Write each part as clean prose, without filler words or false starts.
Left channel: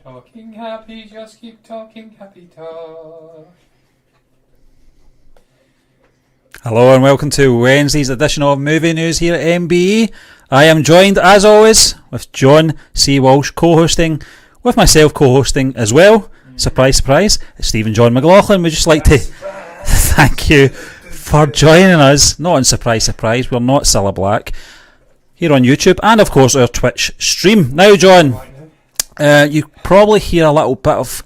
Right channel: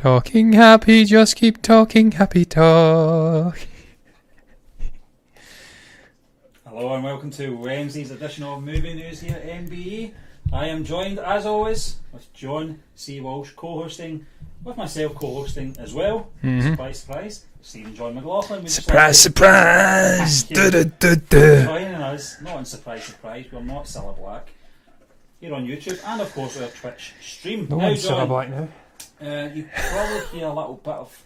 Talking happy, just keep talking happy talk. Hello and welcome to Wednesday's edition of Movie News here at MBE. I am joined, as always, with John C. Walsh co-hosting, with myself co-hosting as well. Surprise, surprise, it's Stephen John McLaughlin. We just like to thank you for joining us. Not on Surprise, surprise, we're not Cilla Black. Here on YouTube and of course our Twitch stream. Now, John, you probably hear a little bit of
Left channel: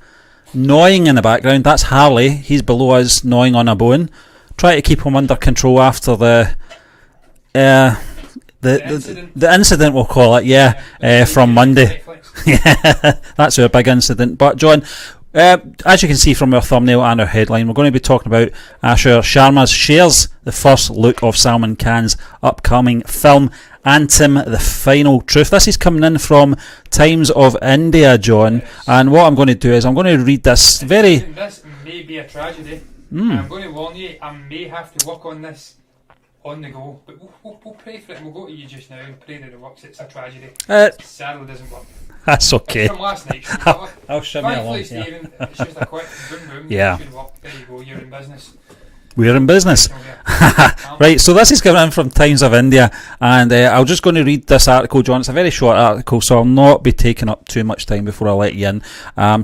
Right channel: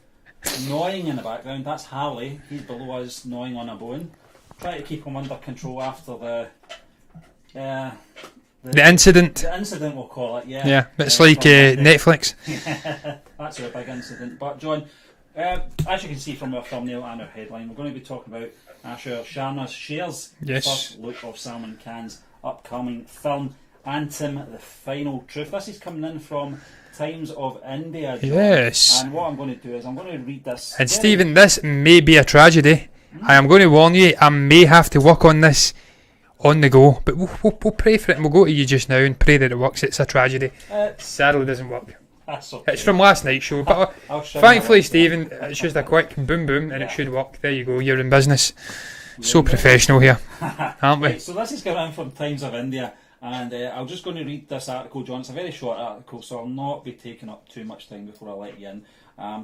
gnawing in the background. That's Harley. He's below us gnawing on a bone. Try to keep him under control after the incident. The incident, we'll call it, It's like from Monday. Netflix. Yeah, that's our big incident. But John, as you can see from our thumbnail and our headline, we're going to be talking about Aayush Sharma shares the first look of Salman Khan's upcoming film Antim, the Final Truth. This is coming in from Times of India, John. Yes. And what I'm going to do is I'm going to read this. And Stephen, this may be a tragedy. I am going to warn you, I may have to work on this on the go, but we'll pray for it, and we'll go to you just now and pray that it works. It's a tragedy. Sadly, it doesn't work. That's okay. It's from last night's show. But thankfully, Stephen, it's just a quick boom boom. Yeah. It should work. There you go. You're in business. We're in business here. Right, so this is coming in from Times of India, and I'm just going to read this article, John. It's a very short article, so I'll not be taking up too much time before I let you in.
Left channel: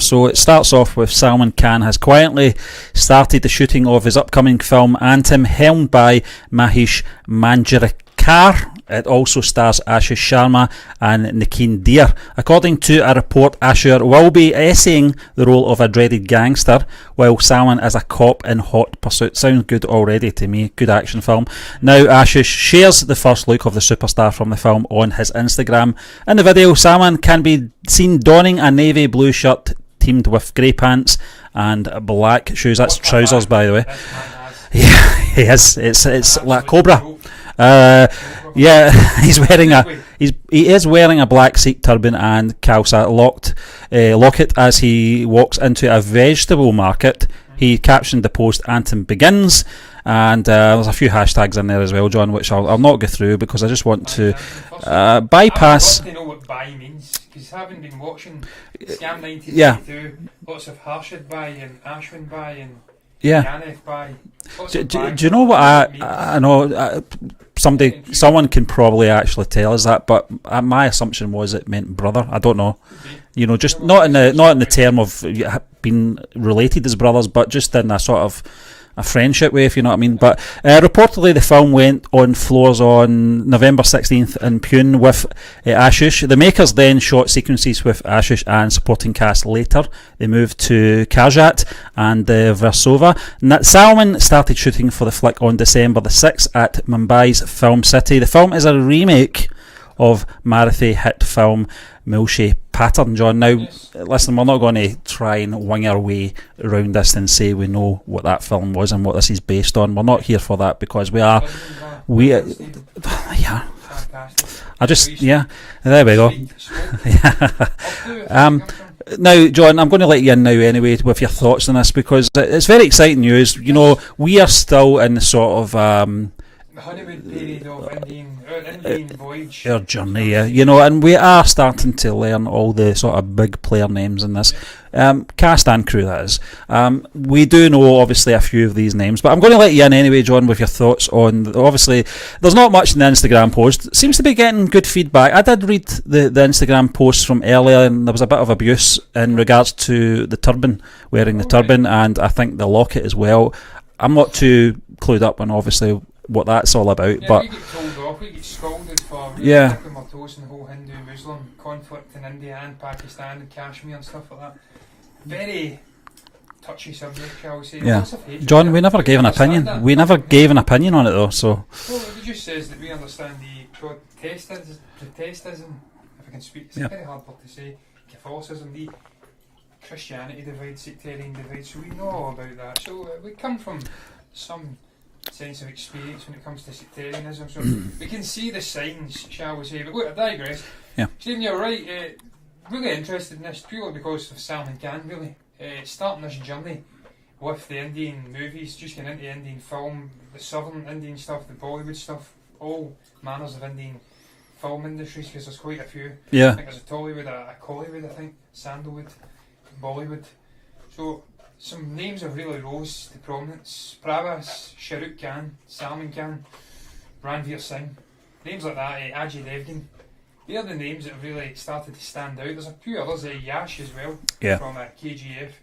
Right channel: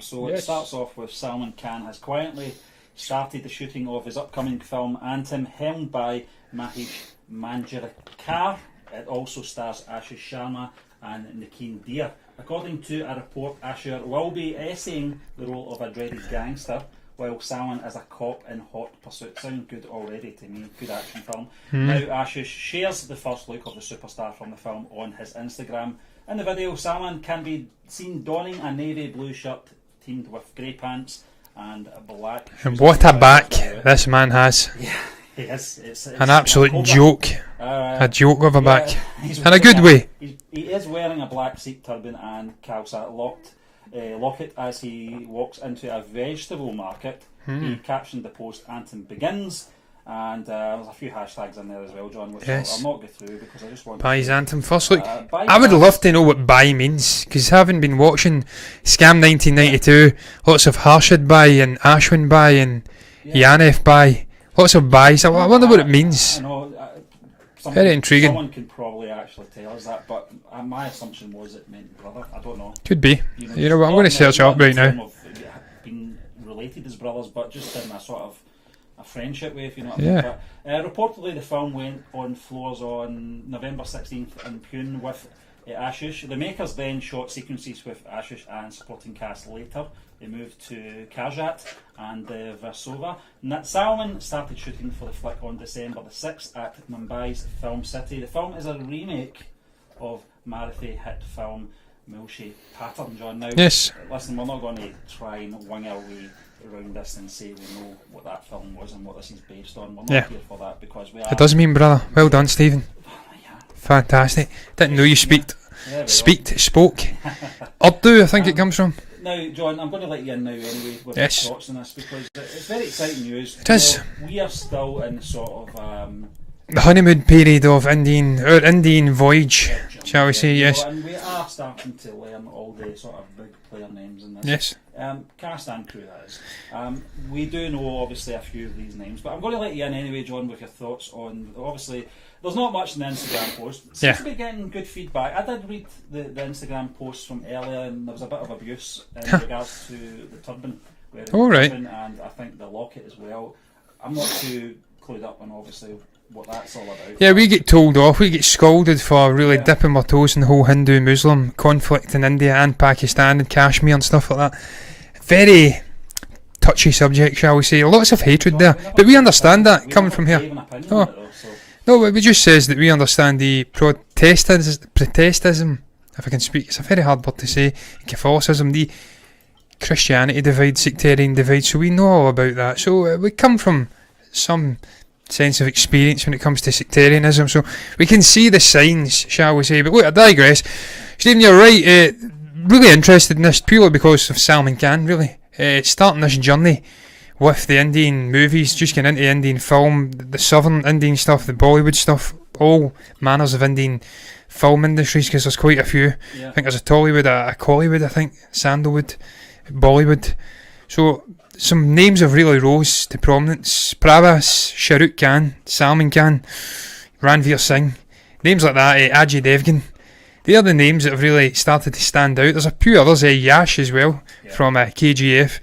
So it starts off with Salman Khan has quietly started the shooting of his upcoming film Antim, helmed by Mahesh Manjrekar. It also stars Aayush Sharma and Nikin Deer. According to a report, Aayush will be essaying the role of a dreaded gangster, while Salman is a cop in hot pursuit. Sounds good already to me. Good action film. Now, Aayush shares the first look of the superstar from the film on his Instagram. In the video, Salman can be seen donning a navy blue shirt teamed with grey pants and black shoes. That's trousers, by the way. This man has. Yeah, he has. It's an absolute Cobra. joke. A joke of a back. He's in wearing a good way. He is wearing a black Sikh turban and Khalsa locket as he walks into a vegetable market. He captioned the post "Antim begins." And there's a few hashtags in there as well, John, which I'll not go through because I just want Buy's to Antim first. Look, bypass. I would love to know what buy means, because having been watching Scam 1992, lots of Harshad buy and Ashwin buy and Yanef buy, lots of buys. I don't know what it means. I know someone can probably actually tell us that, but my assumption was it meant brother. I don't know. Could be. You know, just not in the term of being related as brothers, but just in a sort of a friendship way, if you know what I mean. But reportedly the film went on floors on November 16th in Pune with Aayush. The makers then shot sequences with Aayush and supporting cast later. They moved to Karjat and Versova. Salman started shooting for the flick on December the 6th at Mumbai's Film City. The film is a remake of Marathi hit film Milshe Pattern, John. Now, listen, we're not going to try and wing our way around this and say we know what that film was and what this is based on. We're not here for that because we are. It does mean, brother. Well done, Stephen. Yeah. Fantastic. Didn't know you there we go. Spoke. Urdu, I think it comes from. Now, John, I'm going to let you in now anyway with your thoughts on this because it's very exciting news. You know, we are still in the sort of the honeymoon period of Indian voyage, our journey, shall we say, you know, and we are starting to learn all the sort of big player names in this. Cast and crew, that is. We do know obviously a few of these names, but I'm going to let you in anyway, John, with your thoughts on. Obviously, there's not much in the Instagram post. It seems to be getting good feedback. I did read the Instagram posts from earlier, and there was a bit of abuse in regards to the turban, wearing the turban, and I think the locket as well. I'm not too clued up on obviously what that's all about. Yeah, we get told off, we get scolded for really dipping our toes in the whole Hindu-Muslim conflict in India and Pakistan and Kashmir and stuff like that. Very touchy subject, shall we say. Lots of hatred, John, there. But we understand that. We never gave an opinion on it though. So no, but it just says that we understand the protestism, if I can speak, it's a very hard word to say, Catholicism, the Christianity divide, sectarian divide, so we know all about that. So we come from some sense of experience when it comes to sectarianism, so we can see the signs, shall we say. But look, I digress. Stephen, you're right, really interested in this purely because of Salman Khan, really. Starting this journey with the Indian movies, just getting into Indian film, the southern Indian stuff, the Bollywood stuff, all manners of Indian film industries, because there's quite a few. Yeah. I think there's a Tollywood, a Collywood, I think, Sandalwood, Bollywood. So some names have really rose to prominence. Pravas, Shahrukh Khan, Salman Khan, Ranveer Singh, names like that, Ajay Devgan. They are the names that have really started to stand out. There's a few others, Yash as well, from KGF.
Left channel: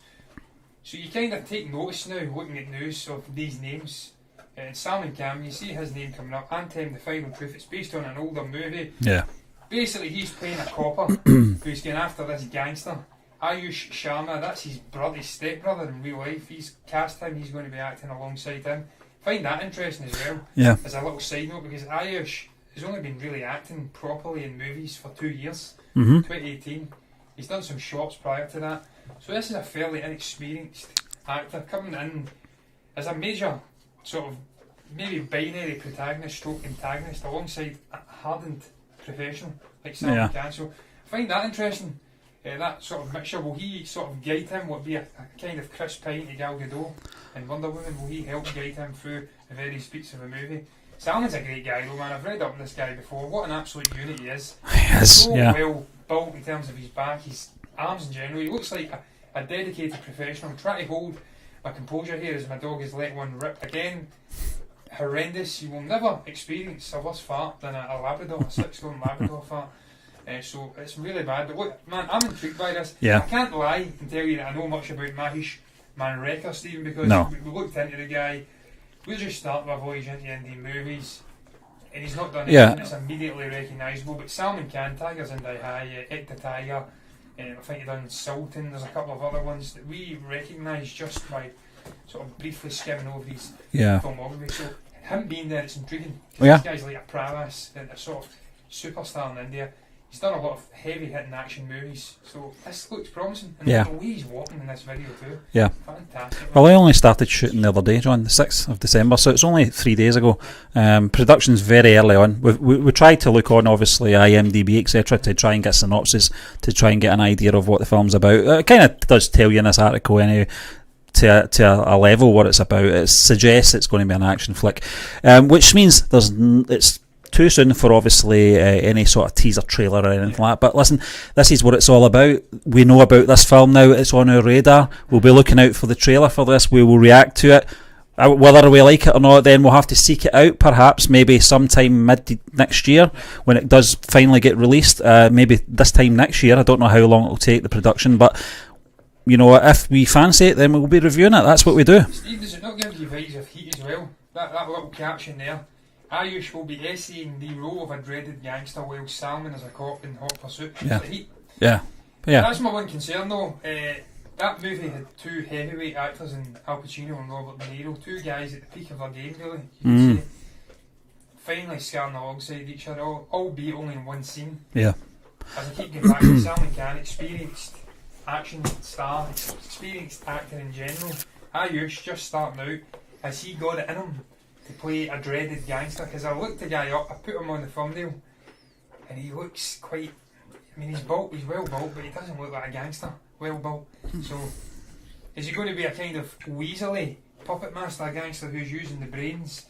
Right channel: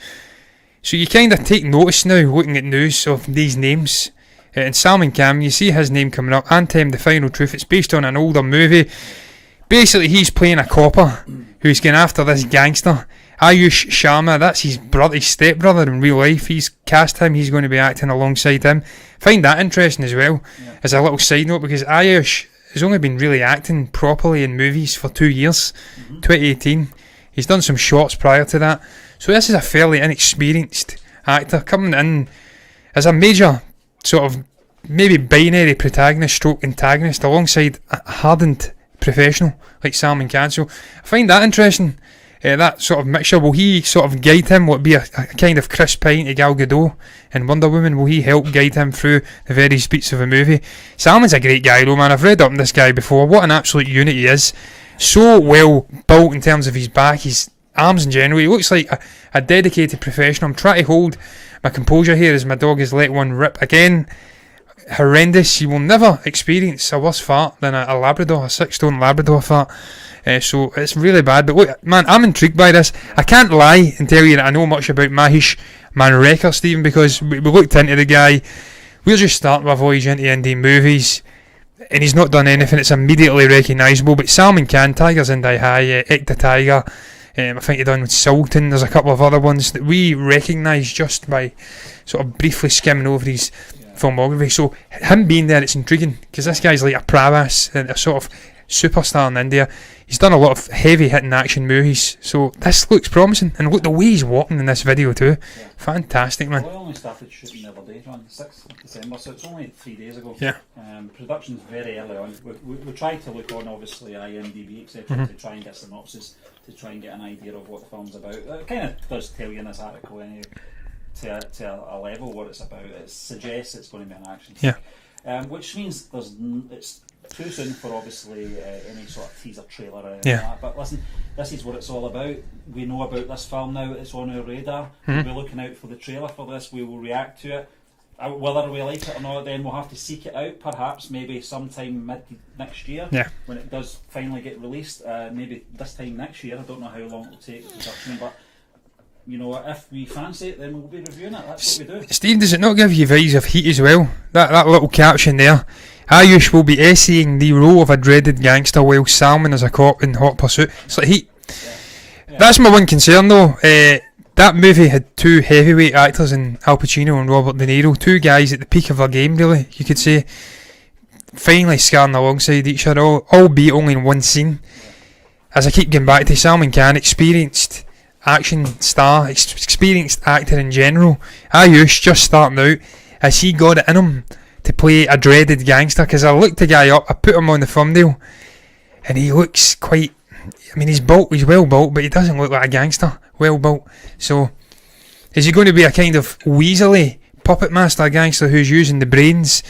So you kind of take notice now, looking at news of these names. And Salman Khan, you see his name coming up. Antim, The Final Truth. It's based on an older movie. Yeah. Basically, he's playing a copper who's going after this gangster. Aayush Sharma, that's his stepbrother in real life. He's cast him. He's going to be acting alongside him. Find that interesting as well. Yeah. As a little side note, because Aayush has only been really acting properly in movies for 2 years. 2018. He's done some shorts prior to that. So this is a fairly inexperienced actor coming in as a major sort of maybe binary protagonist stroke antagonist alongside a hardened professional like Salman Khan. So I find that interesting. That sort of mixture, will he sort of guide him? Will it be a kind of Chris Pine to Gal Gadot and Wonder Woman? Will he help guide him through the various beats of a movie? Salman's a great guy though, man. I've read up on this guy before. What an absolute unit he is. Well built in terms of his back, his arms in general. He looks like a dedicated professional. I'm trying to hold my composure here as my dog has let one rip again. Horrendous. You will never experience a worse fart than a Labrador, a 6-stone Labrador fart. So it's really bad. But look, man, I'm intrigued by this. I can't lie and tell you that I know much about Mahesh Manrekar, Stephen, because we looked into the guy. We're just starting our voyage into indie movies, and he's not done anything that's immediately recognisable. But Salman Khan, Tigers in Die High, Ek the Tiger, I think he done with Sultan. There's a couple of other ones that we recognise just by sort of briefly skimming over his filmography. So him being there, it's intriguing, because this guy's like a Pravas, a sort of superstar in India. He's done a lot of heavy hitting action movies, so this looks promising. And look, the way he's walking in this video too. Yeah. Fantastic, man. Well, I only started shooting the other day, John, the 6th of December, so it's only 3 days ago. Production's very early on. We tried to look on, obviously, IMDb, etc., to try and get synopsis, to try and get an idea of what the film's about. It kind of does tell you in this article anyway, to a level what it's about. It suggests it's going to be an action flick, which means it's too soon for obviously any sort of teaser trailer or anything like that. But listen, this is what it's all about. We know about this film now. It's on our radar. We'll be looking out for the trailer for this. We will react to it. Whether we like it or not, then we'll have to seek it out, perhaps maybe sometime mid next year when it does finally get released. Maybe this time next year. I don't know how long it'll take, the production, but you know, if we fancy it, then we'll be reviewing it. That's what we do. Steve, does it not give you vibes of Heat as well? That little caption there. Ayush will be essaying the role of a dreaded gangster while Salman is a cop in hot pursuit. It's like Heat. That's my one concern though. That movie had two heavyweight actors in Al Pacino and Robert De Niro. Two guys at the peak of their game, really, you could say. Finally scarring alongside each other, albeit only in one scene. As I keep getting back to Salman Khan, experienced action star, experienced actor in general. Ayush just starting out. Has he got it in him to play a dreaded gangster? Because I looked the guy up, I put him on the thumbnail, and he looks quite, I mean, he's well built, but he doesn't look like a gangster, well built. So is he going to be a kind of weaselly puppet master gangster who's using the brains?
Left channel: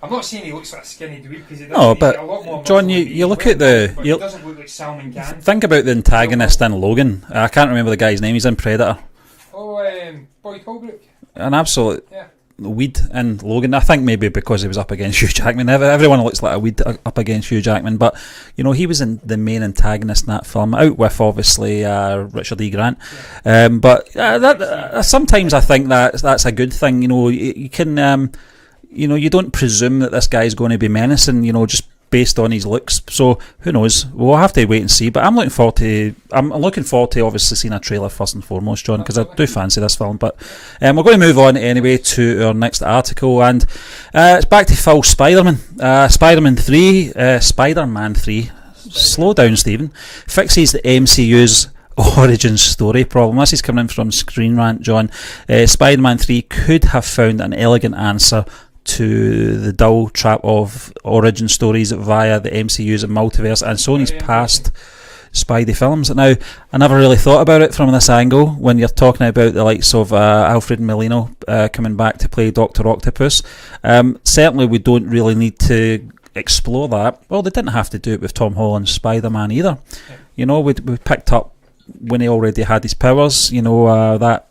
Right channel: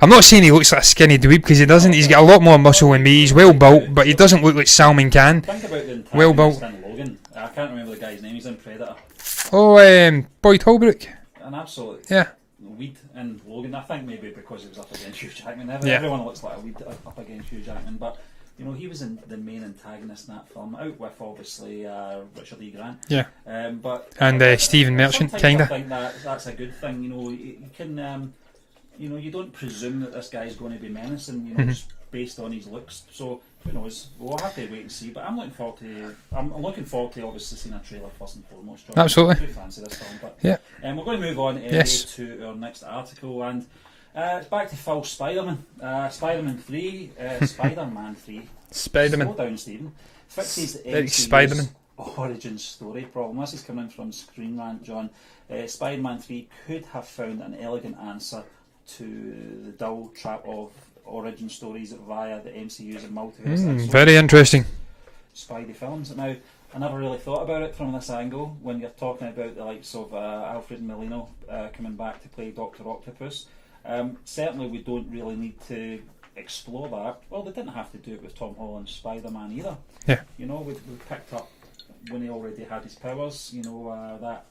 I'm not saying he looks like a skinny dweeb, because he doesn't. He's got a lot more muscle than me. He's well built, but he doesn't look like Salman Khan. Think about the antagonist in Logan. I can't remember the guy's name. He's in Predator. Boyd Holbrook. An absolute weed in Logan. I think maybe because he was up against Hugh Jackman. Everyone looks like a weed up against Hugh Jackman, but you know, he was in the main antagonist in that film, out with obviously Richard E. Grant. But Stephen Merchant, sometimes I think that's a good thing. You know, you can you know, you don't presume that this guy's going to be menacing, you know, just based on his looks. So who knows? We'll have to wait and see. But I'm looking forward to obviously seeing a trailer first and foremost, John, because I do fancy this film. But we're going to move on anyway to our next article, and it's back to Phil Spiderman. Spider-Man 3, Spider-Man 3. Slow down, Stephen. Fixes the MCU's origin story problem. This is coming in from Screen Rant, John. Spider-Man 3 could have found an elegant answer to the dull trap of origin stories via the MCU's Multiverse and Sony's very interesting past Spidey films. Now, I never really thought about it from this angle when you're talking about the likes of Alfred Molina coming back to play Dr. Octopus. Certainly we don't really need to explore that, well, they didn't have to do it with Tom Holland's Spider-Man either. Yeah. You know, we picked up when he already had his powers, you know, that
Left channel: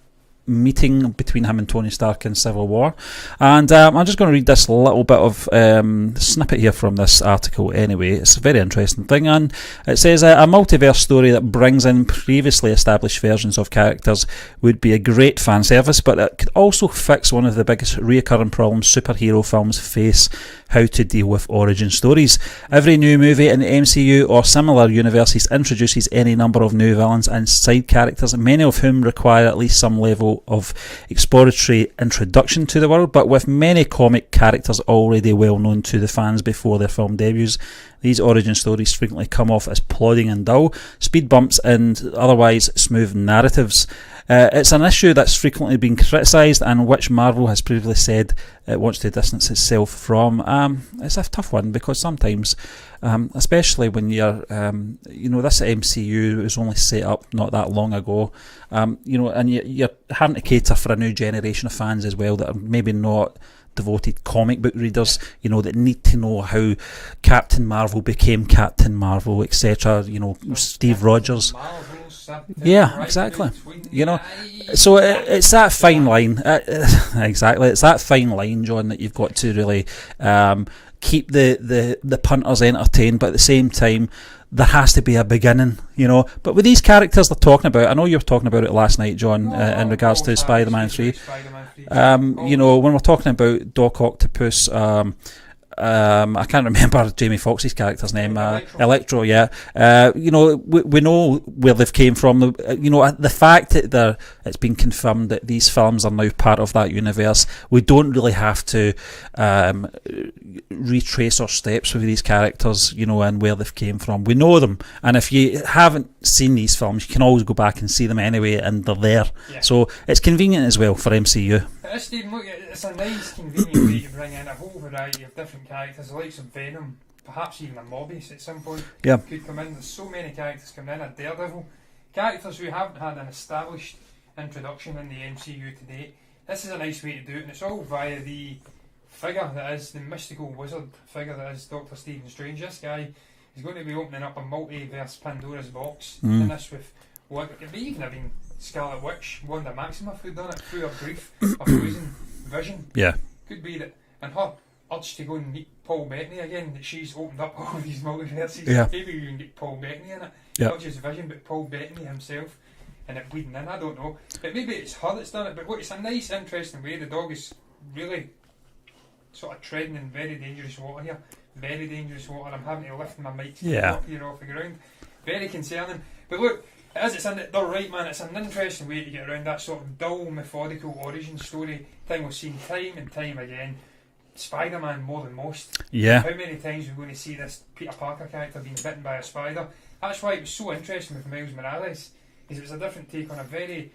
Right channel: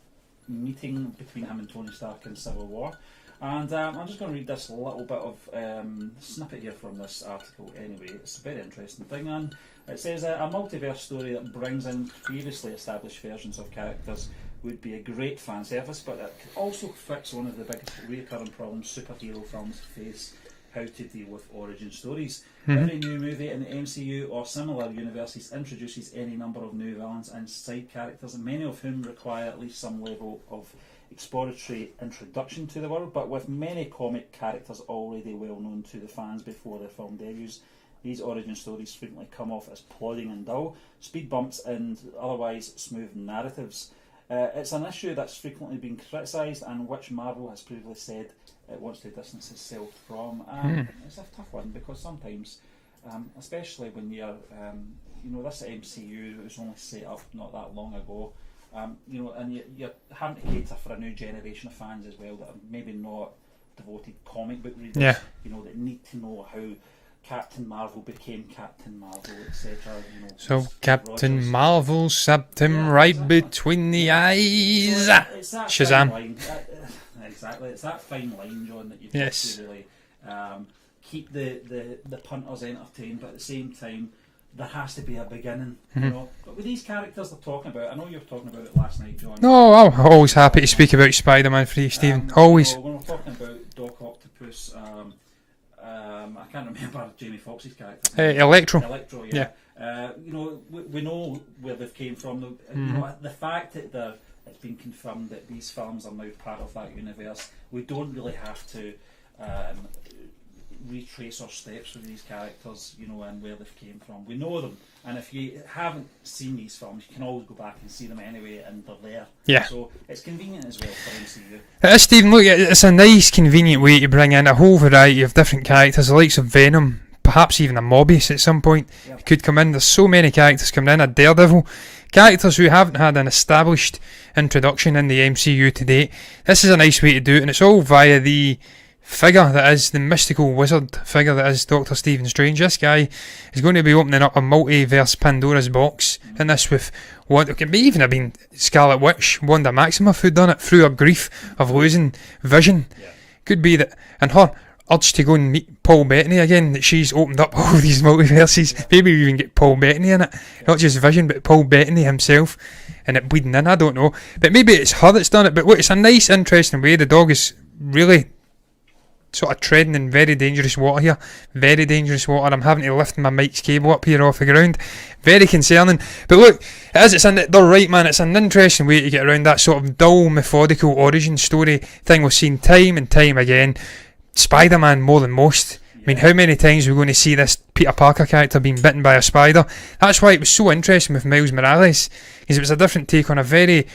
meeting between him and Tony Stark in Civil War. And I'm just going to read this little bit of snippet here from this article anyway. It's a very interesting thing, and it says a multiverse story that brings in previously established versions of characters would be a great fan service, but it could also fix one of the biggest reoccurring problems superhero films face: how to deal with origin stories. Every new movie in the MCU or similar universes introduces any number of new villains and side characters, many of whom require at least some level of exploratory introduction to the world, but with many comic characters already well known to the fans before their film debuts, these origin stories frequently come off as plodding and dull, speed bumps and otherwise smooth narratives. It's an issue that's frequently been criticised and which Marvel has previously said it wants to distance itself from. It's a tough one because sometimes, especially when you're, you know, this MCU was only set up not that long ago, you know, and you're having to cater for a new generation of fans as well that are maybe not devoted comic book readers, you know, that need to know how Captain Marvel became Captain Marvel, etc. You know, So Steve Captain Rogers. Marvel stabbed him right exactly. between the You know, eyes. So it's that Shazam. fine line. Exactly, it's that fine line, John, that you've got to really keep the punters entertained, but at the same time, there has to be a beginning, you know. But with these characters they're talking about, I know you were talking about it last night, John. No, in I'm regards always to happy to Spider-Man speak about 3. Spider-Man 3, Steve. You Always. know, when we're talking about Doc Octopus, I can't remember Jamie Foxx's character's name. Electro. Yeah. You know, we know where they've came from. You know, the fact that it's been confirmed that these films are now part of that universe, we don't really have to retrace our steps with these characters, you know, and where they've came from. We know them, and if you haven't seen these films, you can always go back and see them anyway, and they're there. Yeah. So it's convenient as well for MCU. It is, Stephen. Look, it's a nice, convenient way to bring in a whole variety of different characters, the likes of Venom, perhaps even a Mobius at some point could come in. There's so many characters coming in, a Daredevil, characters who haven't had an established introduction in the MCU to date. This is a nice way to do it, and it's all via the figure that is the mystical wizard figure that is Dr. Stephen Strange. This guy is going to be opening up a multiverse Pandora's box, and this with what it could be even have been Scarlet Witch, Wanda Maximoff, who done it through her grief of losing Vision. Yeah. Could be that, and her urge to go and meet Paul Bettany again, that she's opened up all these multiverses. Yeah. Maybe we even get Paul Bettany in it, not just Vision, but Paul Bettany himself, and it bleeding in. I don't know, but maybe it's her that's done it. But look, it's a nice, interesting way. The dog is really sort of treading in very dangerous water here. Very dangerous water. I'm having to lift my mic's cable up here off the ground. Very concerning. But look, they're right, man. It's an interesting way to get around that sort of dull, methodical origin story thing we've seen time and time again. Spider-Man more than most. Yeah. Like, how many times are we going to see this Peter Parker character being bitten by a spider? That's why it was so interesting with Miles Morales, because it was a different take on a very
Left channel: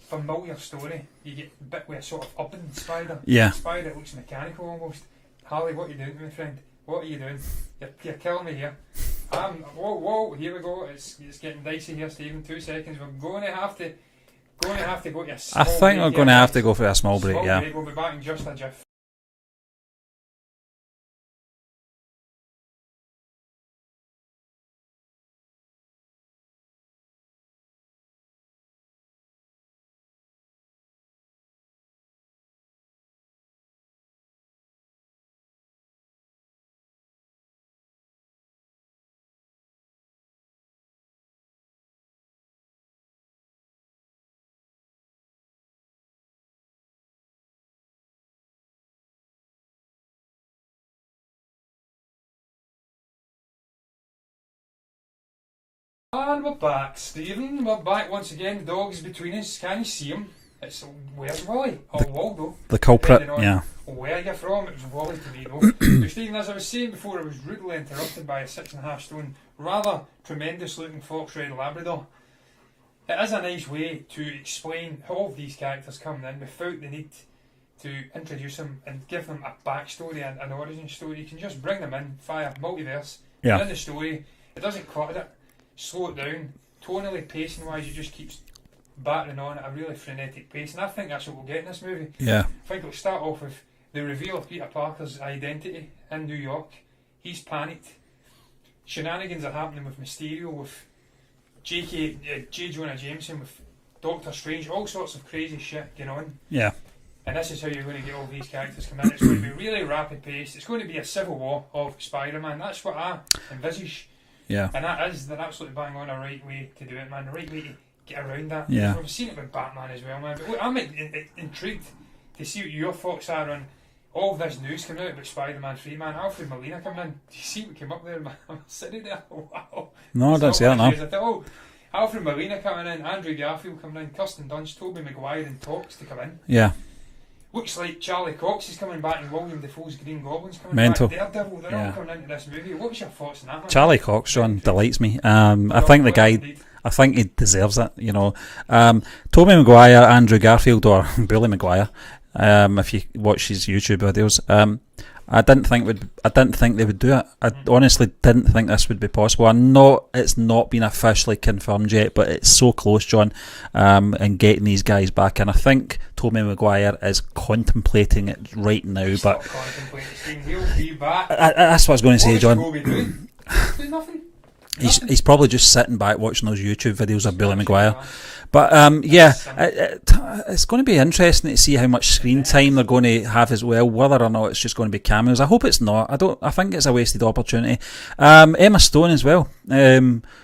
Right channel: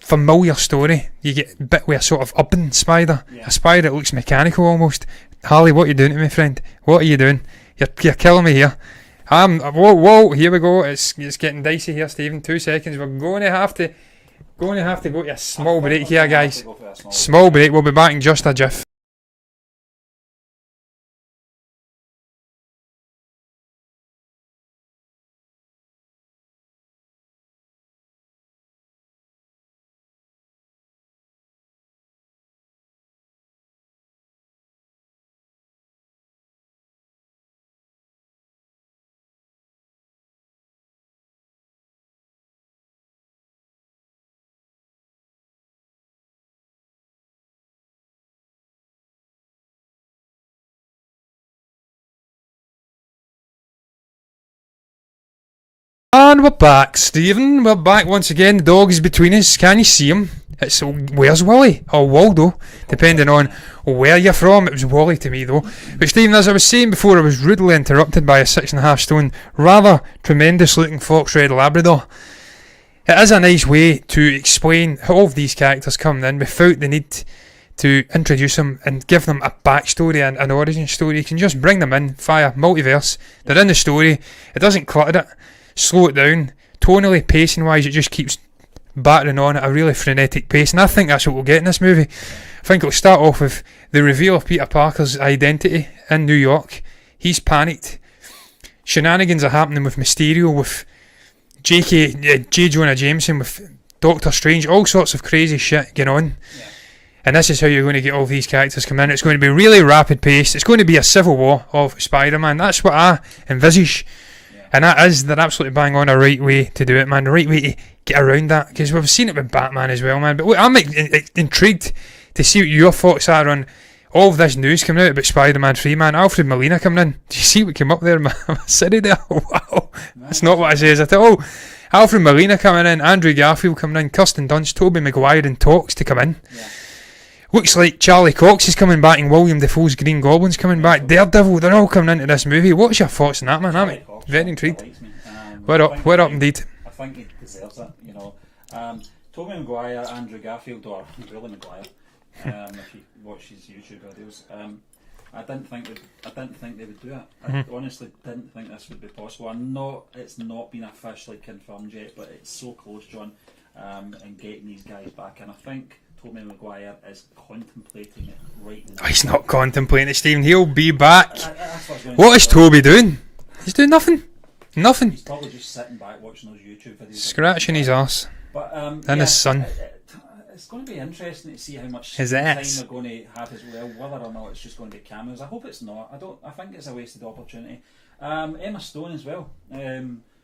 familiar story. You get bit with a sort of urban spider. Yeah. A spider that looks mechanical almost. Harley, what are you doing to me, friend? What are you doing? You're killing me here. Whoa, here we go. It's getting dicey here, Stephen. 2 seconds. We're going to have to go to a small break here, guys. I think we're going to have to go for a small break. Small break. We'll be back in just a jiff. And we're back, Stephen. We're back once again. The dog is between us. Can you see him? It's where's Wally or Waldo, The culprit, depending on where you're from. It was Wally to me though. But Stephen, as I was saying before, I was rudely interrupted by a 6.5 stone, rather tremendous looking fox red Labrador. It is a nice way to explain how all of these characters come in without the need to introduce them and give them a backstory and an origin story. You can just bring them in via multiverse. They're in the story. It doesn't clutter it. Slow it down. Tonally, pacing wise, it just keeps battering on at a really frenetic pace, and I think that's what we'll get in this movie. Yeah. I think it'll start off with the reveal of Peter Parker's identity in New York, he's panicked. Shenanigans are happening with Mysterio, with J. Jonah Jameson, with Doctor Strange, all sorts of crazy shit going on. Yeah. And this is how you're going to get all these characters coming in. It's going to be really rapid paced. It's going to be a civil war of Spider-Man. That's what I envisage. Yeah. And they're absolutely bang on a right way to do it, man. The right way to get around that. Because we've seen it with Batman as well, man. But look, I'm intrigued to see what your thoughts are on all of this news coming out about Spider-Man 3, man. Alfred Molina coming in. Do you see what came up there, man? City there? Wow. No, it's not what it says at all. Alfred Molina coming in, Andrew Garfield coming in, Kirsten Dunst, Tobey Maguire in talks to come in. Yeah. Looks like Charlie Cox is coming back and William Dafoe's Green Goblin's coming back. Daredevil, they're all coming into this movie. What's your thoughts on that, man? Charlie Cox delights me. I think I think he deserves it, you know. Tobey Maguire, Andrew Garfield, or Billy Maguire, if you watch his YouTube videos, I didn't think they would do it. I honestly didn't think this would be possible. It's not been officially confirmed yet, but it's so close, John, and getting these guys back. And I think Tobey Maguire is contemplating it right now. He's not contemplating it, Stephen. He'll be back. That's what I was going to say. What is Tobey doing? He's doing nothing. Nothing. He's probably just sitting back watching those YouTube videos of Billy Scratching Maguire. his arse. But it's going to be interesting to see how much screen time they're going to have as well. Whether or not it's just going to be cameos. I hope it's not. I think it's a wasted opportunity. Emma Stone as well.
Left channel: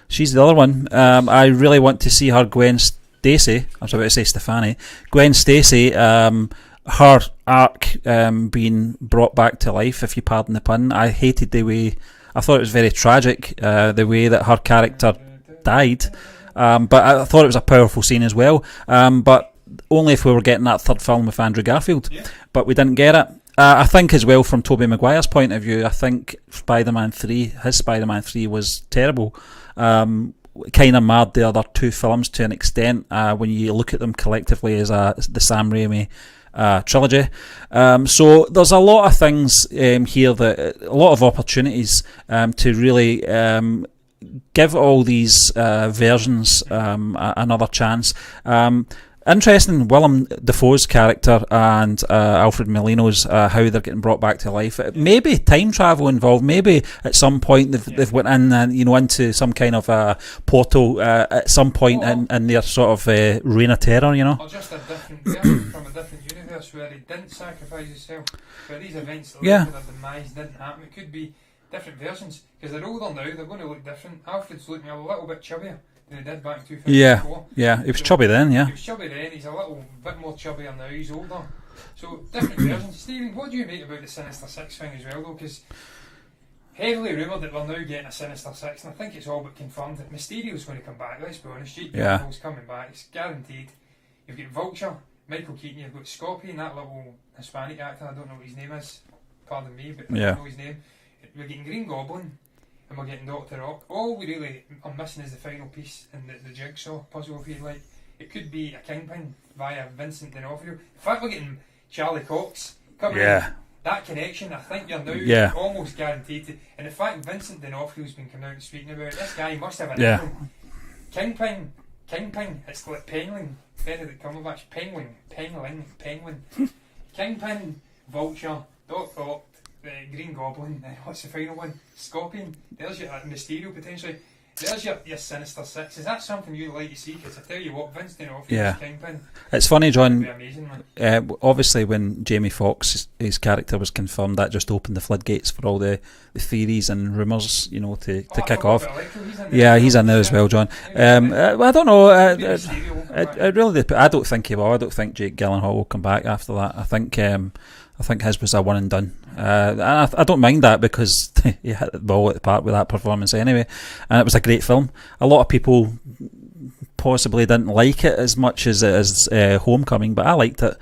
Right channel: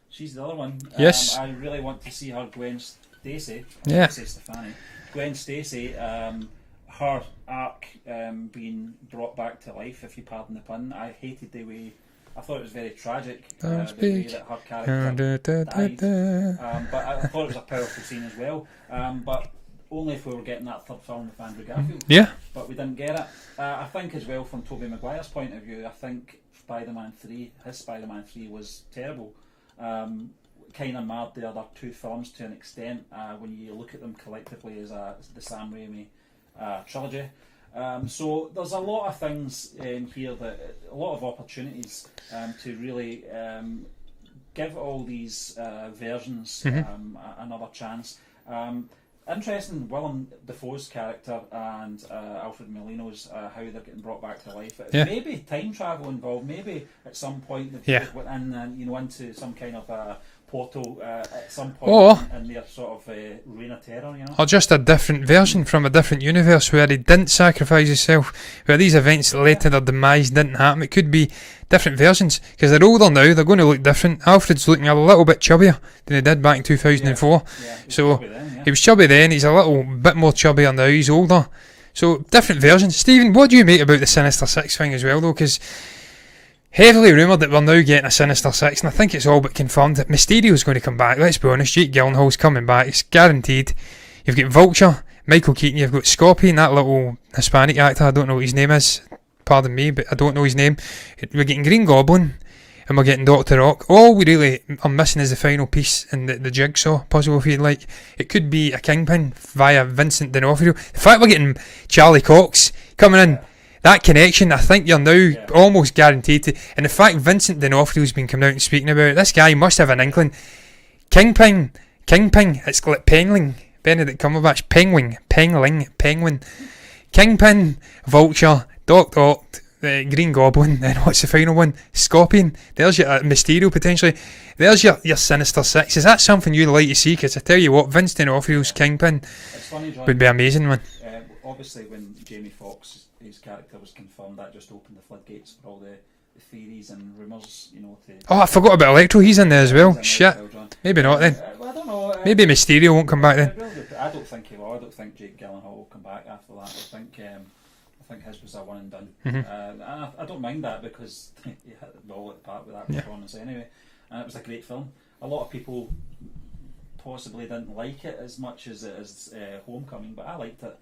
She's the other one. Yes. I really want to see her Gwen Stacy. I'm sorry to say Stefani. Gwen Stacy. Her arc being brought back to life, if you pardon the pun. I hated the way. I thought it was very tragic, the way that her character died. But I thought it was a powerful scene as well. But only if we were getting that third film with Andrew Garfield. Yeah. But we didn't get it. I think as well, from Tobey Maguire's point of view, I think his Spider-Man 3 was terrible. Kind of marred the other two films to an extent when you look at them collectively as the Sam Raimi trilogy. So there's a lot of things here, a lot of opportunities to really give all these versions another chance. Interesting, Willem Dafoe's character and Alfred Molina's, how they're getting brought back to life. Maybe time travel involved. Maybe at some point they've went in and into some kind of portal at some point in their sort of reign of terror. Or just a different version from a different universe where he didn't sacrifice himself, where these events that led to their demise didn't happen. It could be different versions, because they're older now, they're going to look different. Alfred's looking a little bit chubbier than he did back in 2004. Yeah, he was chubby then, He was chubby then, he's a little bit more chubbier now, he's older. So, different versions. Stephen, what do you make about the Sinister Six thing as well, though? Because heavily rumoured that we're now getting a Sinister Six, and I think it's all but confirmed that Mysterio's going to come back. Let's be honest, Jake Gyllenhaal's coming back, it's guaranteed. You've got Vulture, Michael Keaton, you've got Scorpion, that little Hispanic actor, I don't know what his name is. Pardon me, but I don't know his name. We're getting Green Goblin and we're getting Dr. Ock. All we really are missing is the final piece in the jigsaw puzzle, if you like. It could be a Kingpin via Vincent D'Onofrio. The fact we're getting Charlie Cox coming in, that connection, I think you're now almost guaranteed to. And the fact Vincent D'Onofrio's been coming out and speaking about it, this guy must have an inkling. Kingpin, it's like Penguin, Benedict Cumberbatch, Penguin, Kingpin, Vulture, Dr. Ock, Green Goblin, and what's the final one? Scorpion. There's your Mysterio potentially. There's your Sinister Six. Is that something you'd like to see? Because I tell you what, Vince D'Onofrio's Kingpin. It's funny, John. Would be amazing, man. Obviously, when Jamie Foxx, his character was confirmed, that just opened the floodgates for all the theories and rumours, I forgot about Electro. He's in there as well. He's in there as well, John. Maybe not then. I don't know. Maybe Mysterio won't come back then. I don't think he will. I don't think Jake Gyllenhaal will come back after that. I think his was a one and done. I don't mind that, because he hit the ball at the park with that performance anyway, and it was a great film. A lot of people possibly didn't like it as much as Homecoming, but I liked it.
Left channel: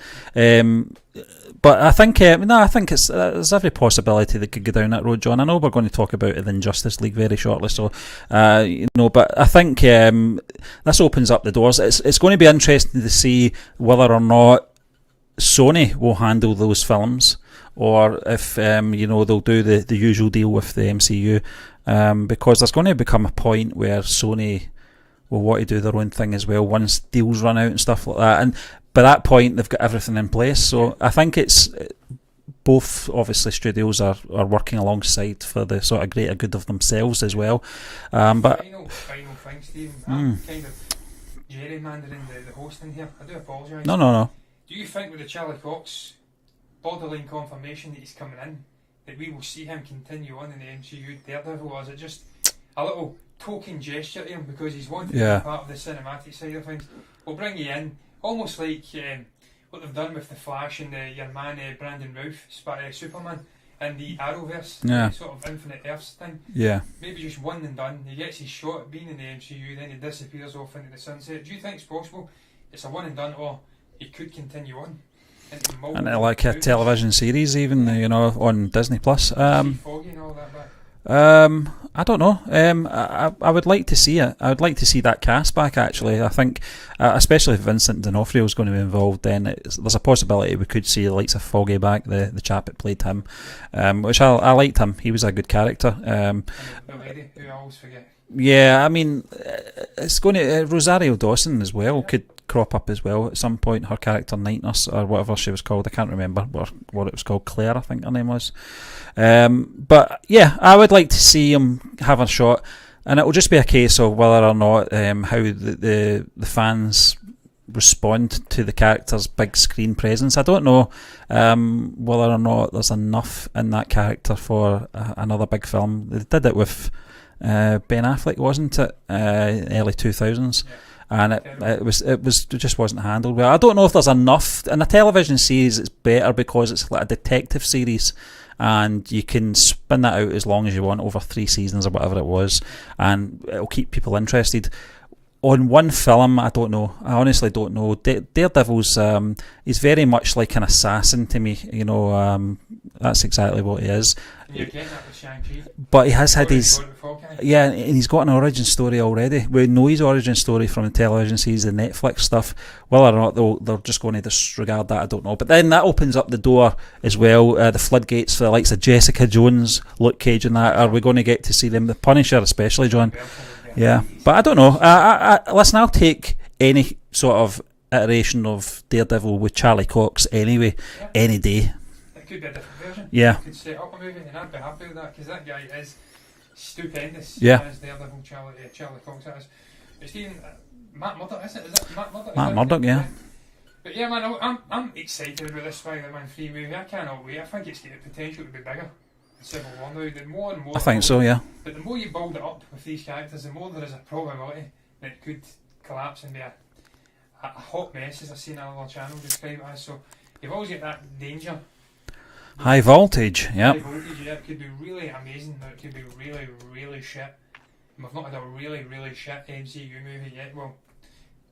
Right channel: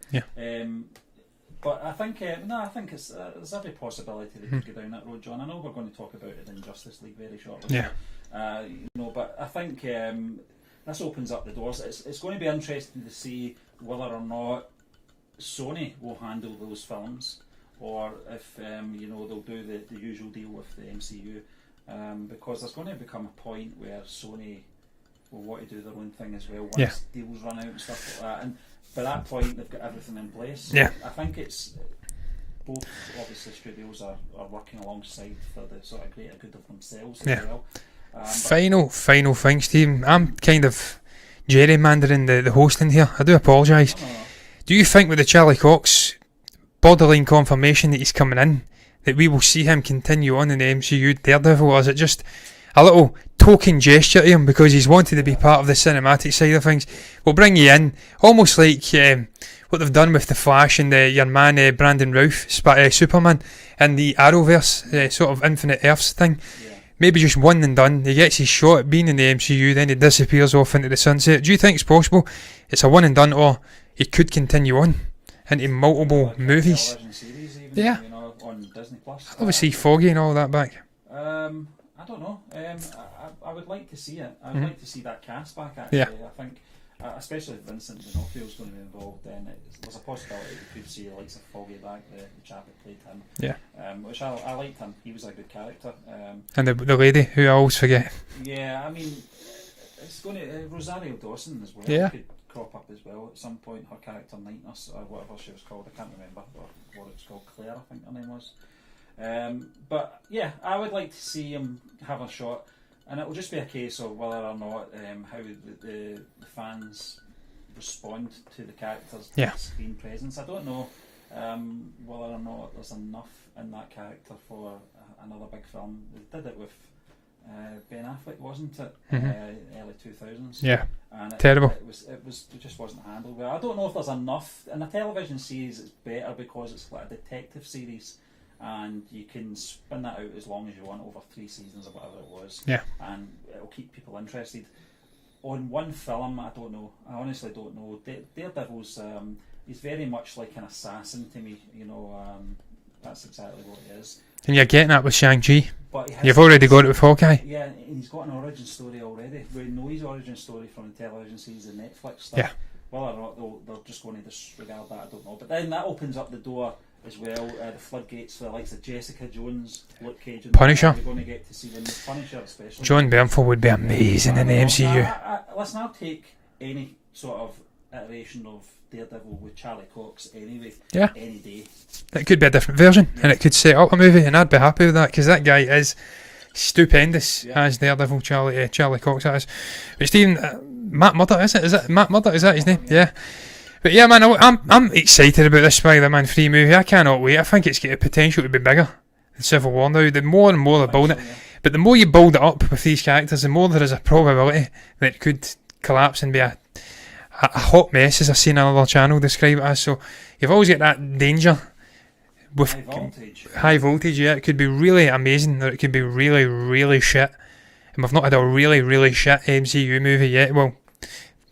But I think there's every possibility they could go down that road, John. I know we're going to talk about the Injustice League very shortly, so but I think this opens up the doors. It's going to be interesting to see whether or not Sony will handle those films, or if they'll do the usual deal with the MCU, because there's going to become a point where Sony will want to do their own thing as well once deals run out and stuff like that, and by that point they've got everything in place. So I think it's both obviously studios are working alongside for the sort of greater good of themselves as well. But final thing, Steve. I'm kind of gerrymandering the hosting here. I do apologise. No. Do you think with the Charlie Cox borderline confirmation that he's coming in, that we will see him continue on in the MCU Daredevil, or is it just a little token gesture to him because he's wanted to be part of the cinematic side of things? We'll bring you in, almost like what they've done with the Flash and your man Brandon Routh, Superman, and the Arrowverse, sort of Infinite Earths thing. Yeah, maybe just one and done. He gets his shot at being in the MCU, then he disappears off into the sunset. Do you think it's possible it's a one and done, or he could continue on into multiple like movies? A television series even, on Disney Plus. See Foggy and all that back. I don't know. I would like to see it. I would like to see that cast back, actually. I think, especially if Vincent D'Onofrio is going to be involved, then there's a possibility we could see the likes of Foggy back, the chap that played him, which I liked him. He was a good character. And the lady, who I always forget. Yeah, I mean, it's going to... Rosario Dawson as well could crop up as well at some point. Her character, Night Nurse, or whatever she was called. I can't remember what it was called. Claire, I think her name was. But yeah, I would like to see him have a shot, and it will just be a case of whether or not how the fans respond to the character's big screen presence. I don't know whether or not there's enough in that character for another big film. They did it with Ben Affleck, wasn't it? Early 2000s. Yeah, and it just wasn't handled well. I don't know if there's enough in a television series. It's better because it's like a detective series, and you can spin that out as long as you want over 3 seasons or whatever it was, and it'll keep people interested. On one film, I don't know. I honestly don't know. Daredevil's he's very much like an assassin to me. That's exactly what he is. And you're getting that with Shang-Chi. But you've already got it with Hawkeye. Yeah, and he's got an origin story already. We know his origin story from the television series, the Netflix stuff. Whether or not they're just going to disregard that, I don't know. But then that opens up the door as well, the floodgates for the likes of Jessica Jones, Luke Cage and that. Punisher. Are we going to get to see them? The Punisher especially. John Bernthal would be amazing. But I don't know. Listen, I'll take any sort of iteration of Daredevil with Charlie Cox anyway, any day. It could be a different version. Yeah. And it could set up a movie, and I'd be happy with that, because that guy is stupendous as Daredevil, Charlie Cox. That is. But Stephen, Matt Murdock, is it? Is it Matt Murdock? Is that his name? Yeah. But yeah, man, I'm excited about this Spider-Man 3 movie. I cannot wait. I think it's got the potential to be bigger than Civil War now. The more and more they build it, but the more you build it up with these characters, the more there is a probability that it could collapse and be a hot mess, as I've seen another channel describe it as. So you've always got that danger. High voltage. High voltage, It could be really amazing, or it could be really, really shit. And we've not had a really, really shit MCU movie yet. Well,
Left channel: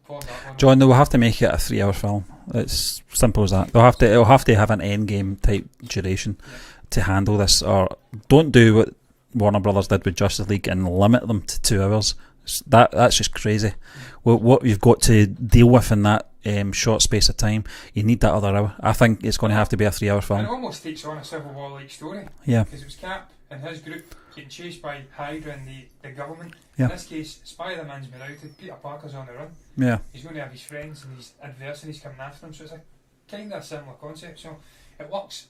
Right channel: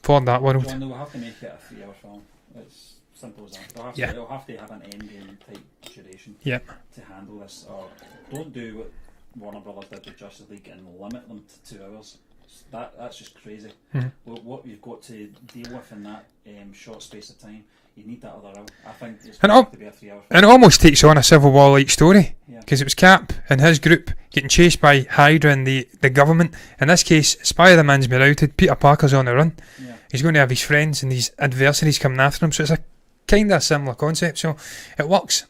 for that one. John, they will have to make it a 3-hour film. It's simple as that. It'll have to have an endgame type duration to handle this. Or don't do what Warner Brothers did with Justice League and limit them to 2 hours. That's just crazy. What you've got to deal with in that short space of time, you need that other hour. I think it's going to have to be a 3-hour film. And it almost takes on a Civil War like story. Yeah, because it was Cap and his group getting chased by Hydra and the government. In this case, Spider-Man's been outed, Peter Parker's on the run. Yeah, he's going to have his friends and these adversaries coming after him. So it's a kind of a similar concept. So it works.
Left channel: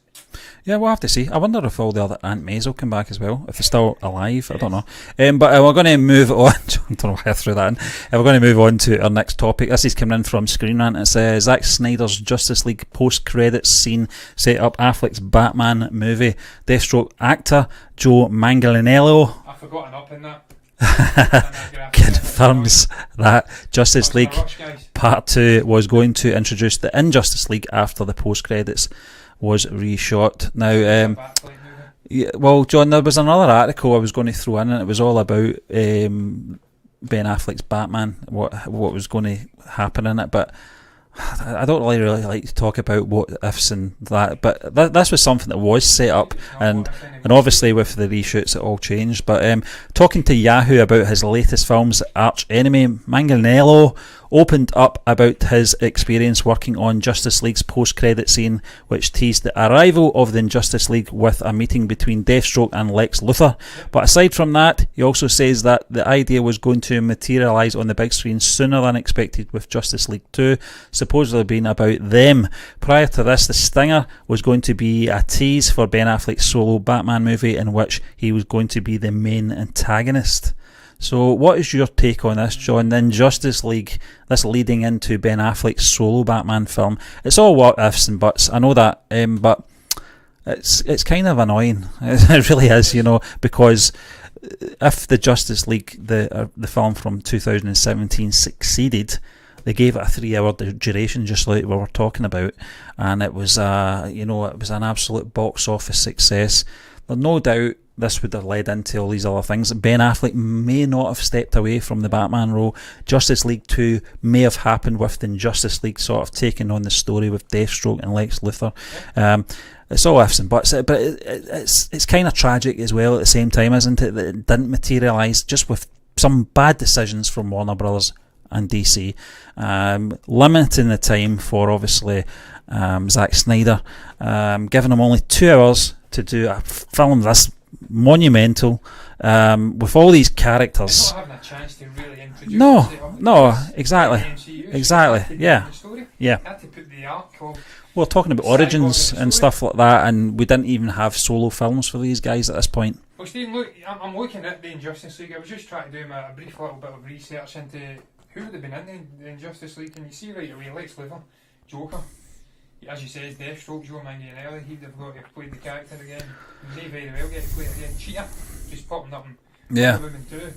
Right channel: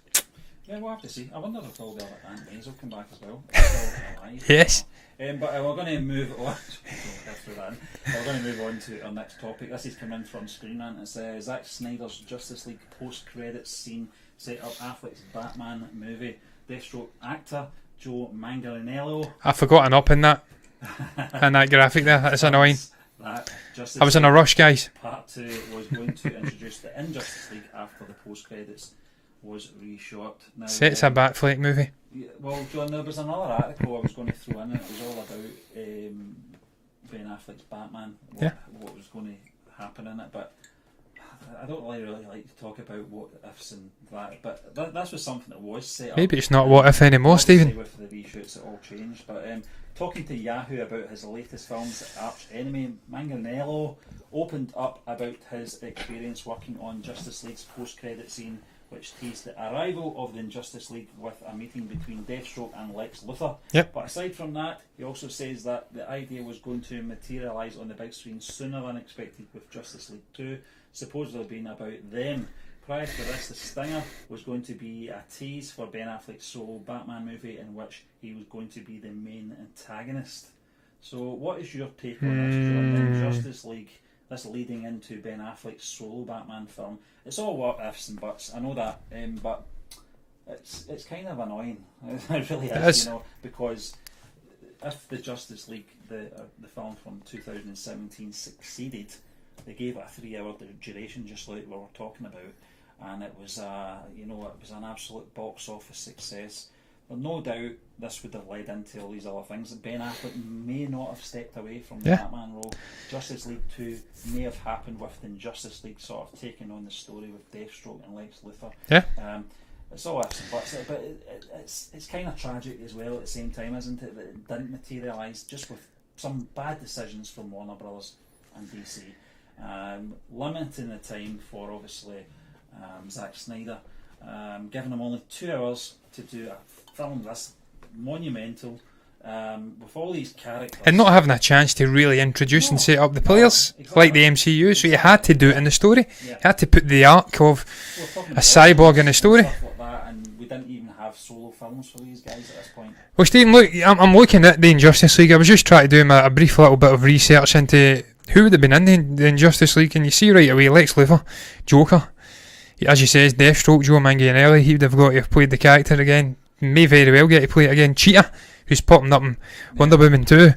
Yeah, we'll have to see. I wonder if all the other Aunt Mays will come back as well, if he's still alive. I don't know. But we're going to move on. I don't know why I threw that in. We're going to move on to our next topic. This is coming in from Screen Rant. It's Zack Snyder's Justice League post-credits scene set up Affleck's Batman movie. Deathstroke actor Joe Manganiello. I forgot an up in that. And that graphic there. That's annoying. That Justice I was League in a rush, guys. Part 2 was going to introduce the Injustice League after the post-credits was reshot. Now it's a Batfleck movie. Yeah, well, John, there was another article I was going to throw in, and it was all about Ben Affleck's Batman, what was going to happen in it, but I don't really like to talk about what ifs and that, but this was something that was set up. Maybe it's not what if anymore. And obviously, Stephen, with the reshoots, it all changed. But talking to Yahoo about his latest film's arch enemy, Manganiello opened up about his experience working on Justice League's post-credit scene, which teased the arrival of the Justice League with a meeting between Deathstroke and Lex Luthor. Yep. But aside from that, he also says that the idea was going to materialise on the big screen sooner than expected, with Justice League 2 supposedly being about them. Prior to this, the stinger was going to be a tease for Ben Affleck's solo Batman movie, in which he was going to be the main antagonist. So what is your take on this, John? Then Justice League, this leading into Ben Affleck's solo Batman film. It's all what ifs and buts, I know that, but it's kind of annoying. It really is, you know, because if the Justice League, the film from 2017, succeeded, they gave it a 3-hour duration, just like we were talking about, and it was it was an absolute box office success. There's no doubt this would have led into all these other things. Ben Affleck may not have stepped away from the Batman role. Justice League 2 may have happened with the Justice League sort of taking on the story with Deathstroke and Lex Luthor. It's all ifs and buts, but it's kind of tragic as well at the same time, isn't it, that it didn't materialise, just with some bad decisions from Warner Brothers and DC, limiting the time for obviously Zack Snyder, giving him only 2 hours to do a film this monumental, with all these characters, and not having a chance to really introduce and set up the players exactly, like the MCU. So you had to do it in the story. You had to put the arc of we're talking about a cyborg in the story and stuff like that, and we didn't even have solo films for these guys at this point. Well, Stephen, look, I'm looking at the Injustice League. I was just trying to do a brief little bit of research into who would have been in the Injustice League, and you see right away Lex Luthor, Joker, as you say, Deathstroke, Joe Manganiello. He would have got to have played the character again. May very well get to play it again. Cheetah, who's popping up in Wonder Woman 2.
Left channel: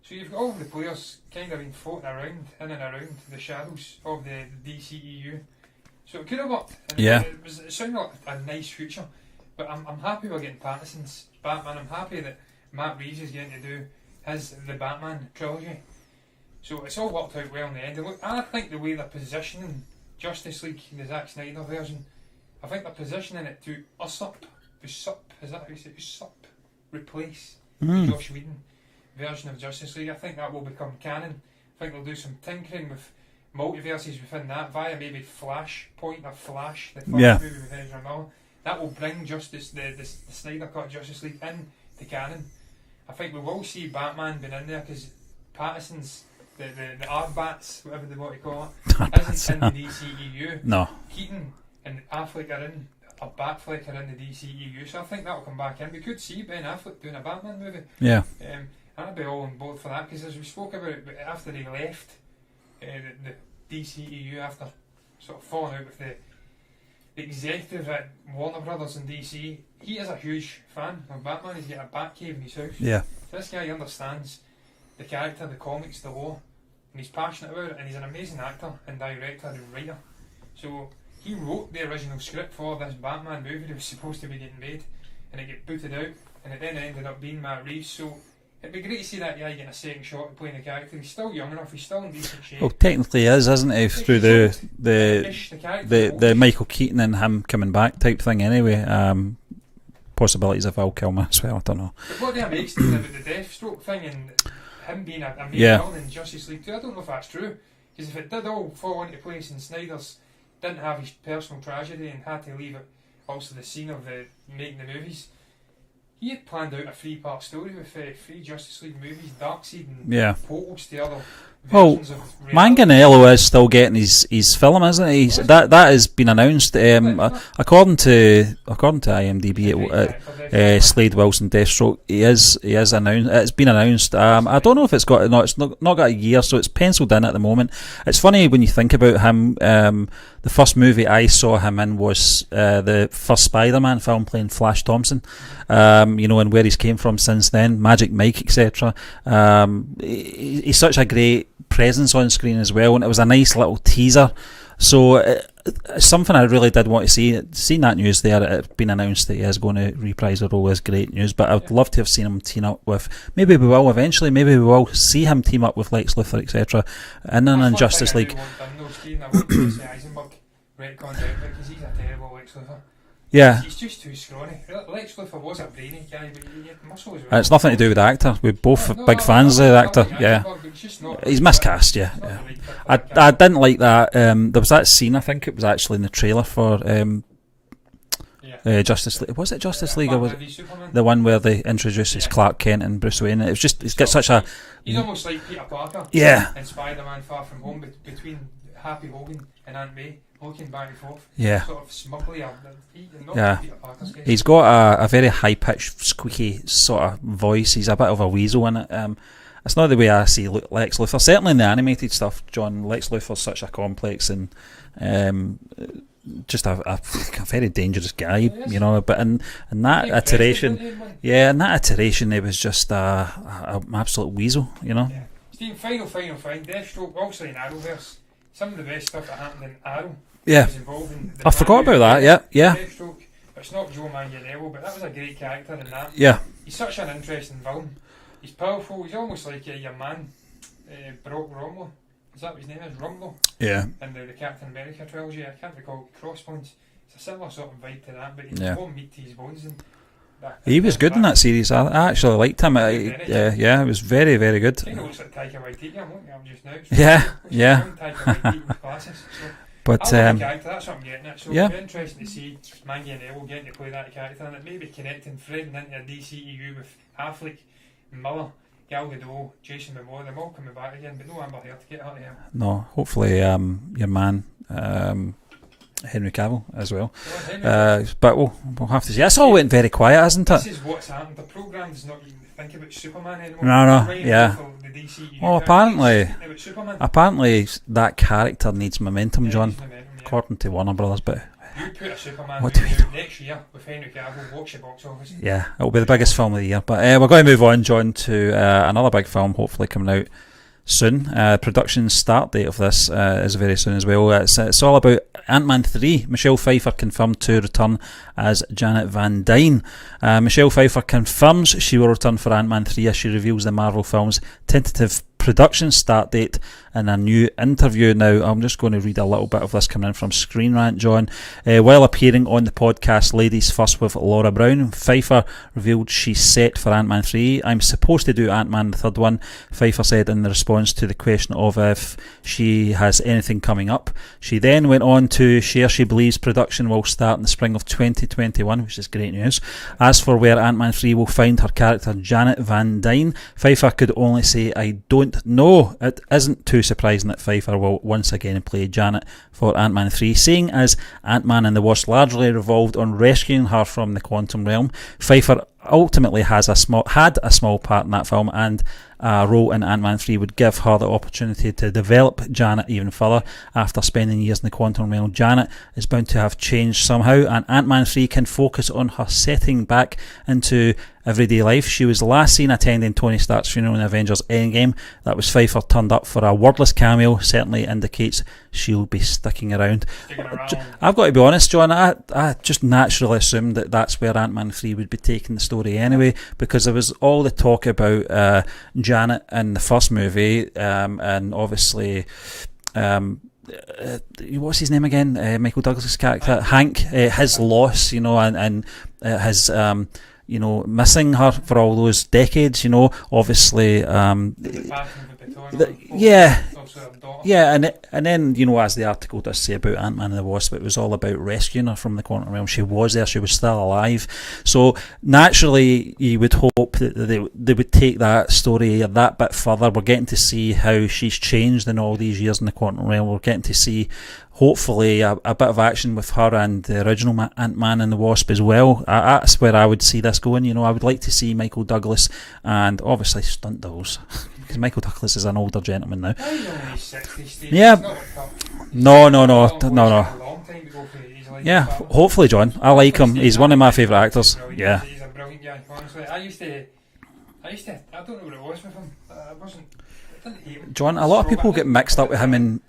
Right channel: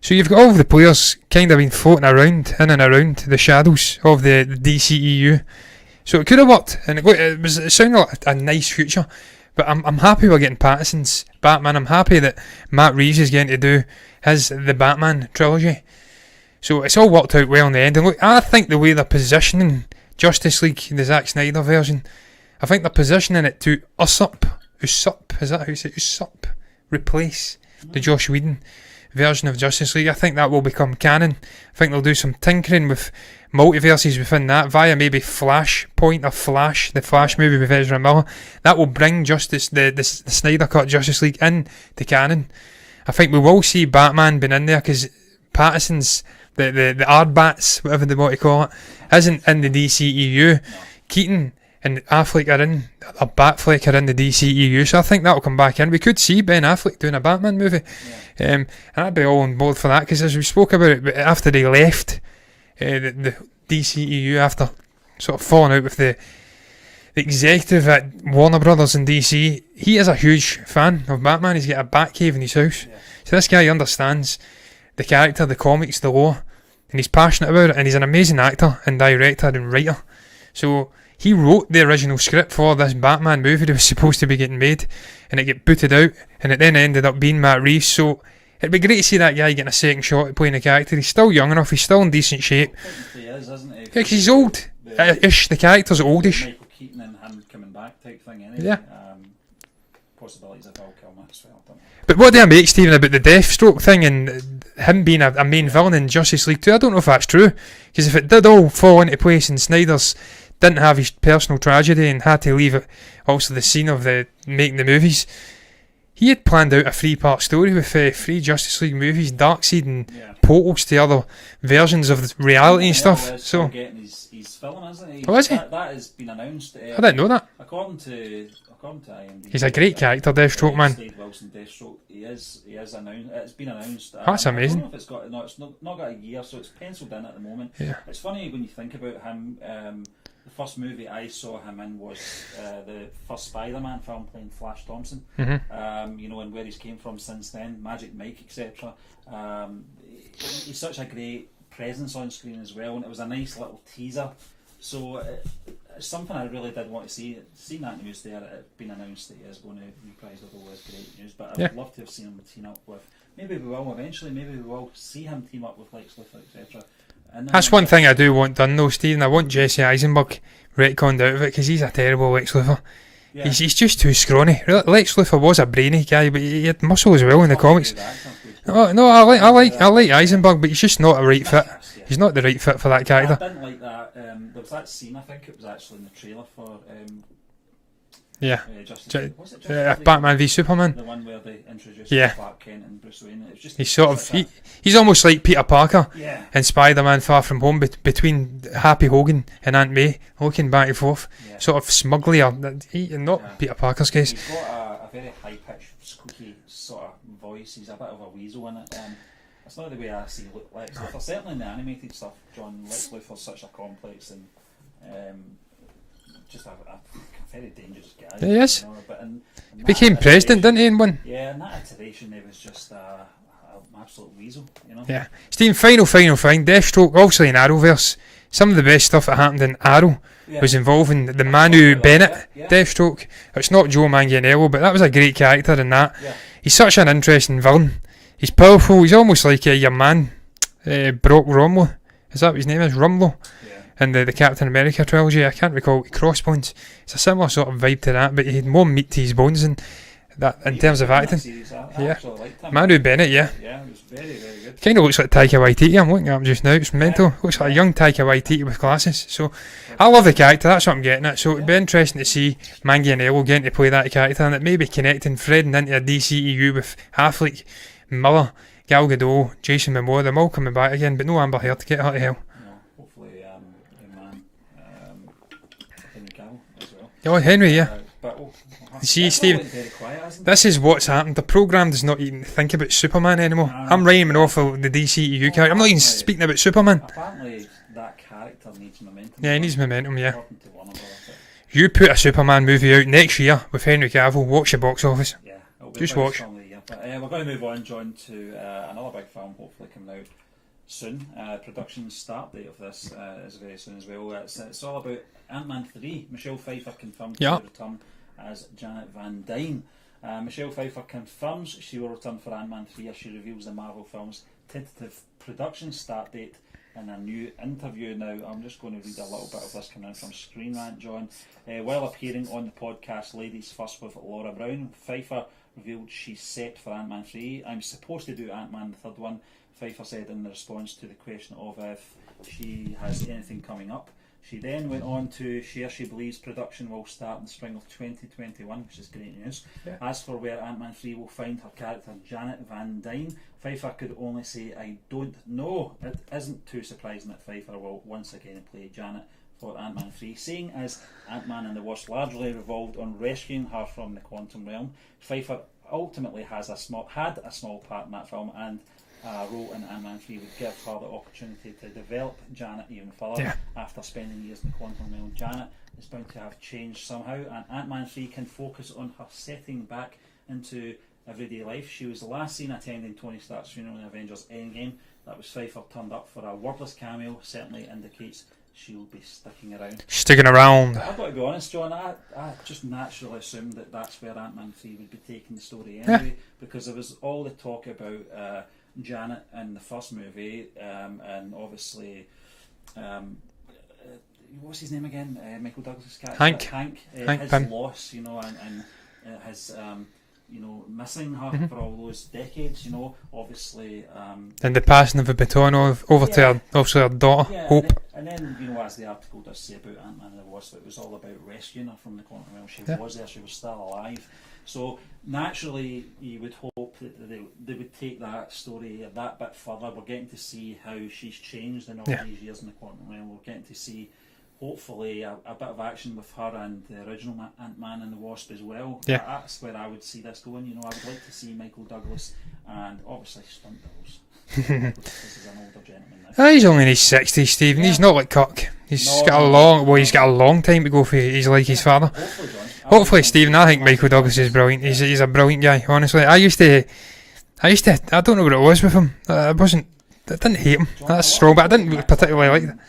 So you've got all of the players kind of been floating around, in and around the shadows of the DCEU. So it could have worked, and it sounded like a nice future. But I'm happy we're getting Pattinson's Batman. I'm happy that Matt Reeves is getting to do the Batman trilogy. So it's all worked out well in the end. And look, I think the way they're positioning Justice League, the Zack Snyder version, I think they're positioning it to usurp, is that how you say it? Usurp, replace the Joss Whedon version of Justice League. I think that will become canon. I think they'll do some tinkering with multiverses within that via maybe Flashpoint or Flash, the Flash movie with Ezra Miller. That will bring the Snyder Cut Justice League in to canon. I think we will see Batman being in there because Pattinson's the Ardbats, whatever they want to call it, isn't in the DCEU. No. Keaton and Affleck Batfleck are in the DCEU, so I think that'll come back in. We could see Ben Affleck doing a Batman movie. And I'd be all on board for that, because as we spoke about it, after they left the DCEU, after sort of falling out with the executive at Warner Brothers and DC, he is a huge fan of Batman. He's got a Batcave in his house. So this guy understands the character, the comics, the lore, and he's passionate about it, and he's an amazing actor and director and writer. So he wrote the original script for this Batman movie that was supposed to be getting made, and it got booted out, and it then ended up being Matt Reeves. So it'd be great to see that guy getting a second shot at playing a character. He's still young enough, he's still in decent shape. Well, technically he is, isn't he? Like he's old. The character's oldish. The Michael Keaton and him coming back type thing anyway. Possibilities of Val Kilmer as well, I don't know. But what do I make, Stephen, about the Deathstroke thing and him being a main villain in Justice League 2? I don't know if that's true, because if it did all fall into place and Snyder's didn't have his personal tragedy and had to leave it also the scene of making the movies, he had planned out a 3-part story with 3 Justice League movies, Darkseid and portals to other versions of the reality Manganiello stuff. is still getting his film, isn't he? Is that has been announced. I didn't know that. According to IMDb, he's a great character, Deathstroke, man. Slade Wilson, Deathstroke. He is announced. It's been announced. I don't know if it's got not got a year, so it's penciled in at the moment. It's funny when you think about him. The first movie I saw him in was the first Spider-Man film, playing Flash Thompson. And where he's came from since then, Magic Mike, etc. He's such a great presence on screen as well, and it was a nice little teaser. So it's something I really did want to see. Seeing that news there, it been announced that he is going to reprise the role, is great news. But I'd love to have seen him team up with. Maybe we will eventually. Maybe we will see him team up with Lex Luthor, etc. That's one thing I do want done, though, Stephen. I want Jesse Eisenberg retconned out of it, because he's a terrible Lex Luthor. Yeah. He's just too scrawny. Lex Luthor was a brainy guy, but he had muscle as well. It's in the nothing comics. to do with the actor. We're both No, big I fans of the I actor. like Eisenberg, but he's just not a right He's fit. miscast, yeah. He's not the right fit for that I character. didn't like that. There was that scene, I think it was actually in the trailer for Justice League. Was it Justice League? Batman v Superman. The one where they introduced Clark Kent and Bruce Wayne. It was just he's almost like Peter Parker. Yeah. In Spider-Man Far From Home, between Happy Hogan and Aunt May, looking back and forth. Yeah. Sort of smugly, not Peter Parker's case. He's got a very high pitched, squeaky sort of voice. He's a bit of a weasel in it. It's not the way I see Lex Luthor. Certainly in the animated stuff, John, Lex Luthor's such a complex and just a very dangerous guy, you know. But in that became president, didn't he? In one. Yeah, in that iteration, he was just an absolute weasel, you know. Yeah. Stephen, final thing. Deathstroke, obviously in Arrowverse, some of the best stuff that happened in Arrow was involving the Manu Bennett Deathstroke. It's not Joe Manganiello, but that was a great character in that. Yeah. He's such an interesting villain. He's powerful. He's almost like your man, Brock Rumlow. Is that what his name is? Rumlow? Yeah. In the Captain America trilogy. I can't recall. Crossbones. It's a similar sort of vibe to that, but he had more meat to his bones. And that, he was good in that series. I actually liked him. Manu Bennett, Yeah, it was very, very good. Kind of looks like Taika Waititi. I'm looking at him just now. It's brutal. Looks like a young Taika Waititi with glasses. So but, I love the character. That's what I'm getting at. So yeah. it'd be interesting to see Manganiello getting to play that character, and it may be connecting, threading into a DCEU with Affleck, Miller, Gal Gadot, Jason Momoa, them all coming back again, but no Amber Heard to get her to hell. No, hopefully your man Henry Cavill as well. Oh, Henry, yeah. But we'll have to see. It's all went very quiet, hasn't it? This is what's happened. The programme does not even think about Superman anymore. No, I'm rhyming off of the DCEU character. I'm not even speaking about Superman. Apparently that character needs momentum, John. John. He needs momentum, yeah. According to Warner Brothers, but... You put a Superman movie out next year with Henry Cavill, watch the box office. Yeah, it'll be the biggest film of the year. But we're going to move on, John, to another big film, hopefully coming out soon. Production start date of this is very soon as well. It's all about Ant-Man 3. Michelle Pfeiffer confirmed to return as Janet Van Dyne. Michelle Pfeiffer confirms she will return for Ant-Man 3 as she reveals the Marvel film's tentative production start date in a new interview. Now, I'm just going to read a little bit of this coming in from Screen Rant, John. While appearing on the podcast Ladies First with Laura Brown, Pfeiffer revealed she's set for Ant-Man 3. I'm supposed to do Ant-Man, the third one, Pfeiffer said in the response to the question of if she has anything coming up. She then went on to share she believes production will start in the spring of 2021, which is great news. As for where Ant-Man 3 will find her character Janet Van Dyne, Pfeiffer could only say, I don't know. It isn't too surprising that Pfeiffer will once again play Janet for Ant-Man 3, seeing as Ant-Man and the Wasp largely revolved on rescuing her from the quantum realm. Pfeiffer ultimately had a small part in that film, and a role in Ant-Man 3 would give her the opportunity to develop Janet even further. After spending years in the quantum realm, Janet is bound to have changed somehow, and Ant-Man 3 can focus on her setting back into everyday life. She was last seen attending Tony Stark's funeral in Avengers Endgame. That was Pfeiffer turned up for a wordless cameo. Certainly indicates she'll be sticking around. I've got to be honest, John, I just naturally assumed that that's where Ant-Man 3 would be taking the story anyway, because there was all the talk about Janet in the first movie, and obviously what's his name again, Michael Douglas' character Hank, his loss, you know, and his missing her for all those decades, you know, obviously and the passing of the baton over to obviously her daughter. And then, you know, as the article does say about Ant-Man and the Wasp, it was all about rescuing her from the quantum realm. She was there, she was still alive, so naturally you would hope that they would take that story a that bit further. We're getting to see how she's changed in all these years in the quantum realm. We're getting to see hopefully a bit of action with her and the original Ant-Man and the Wasp as well. That's where I would see this going. You know, I would like to see Michael Douglas and obviously stunt doubles. Michael Douglas is an older gentleman now. He's only in his 60s, Steve. He's not like Kirk. He's got a long time to go for his like his father. Hopefully, John. Like him. He's I one think of my Michael Douglas is brilliant. Yeah. He's a brilliant guy, honestly. I used to I don't know what it was with him. I didn't hate him. John, that's a lot strong, of people but I didn't get mixed up with particularly him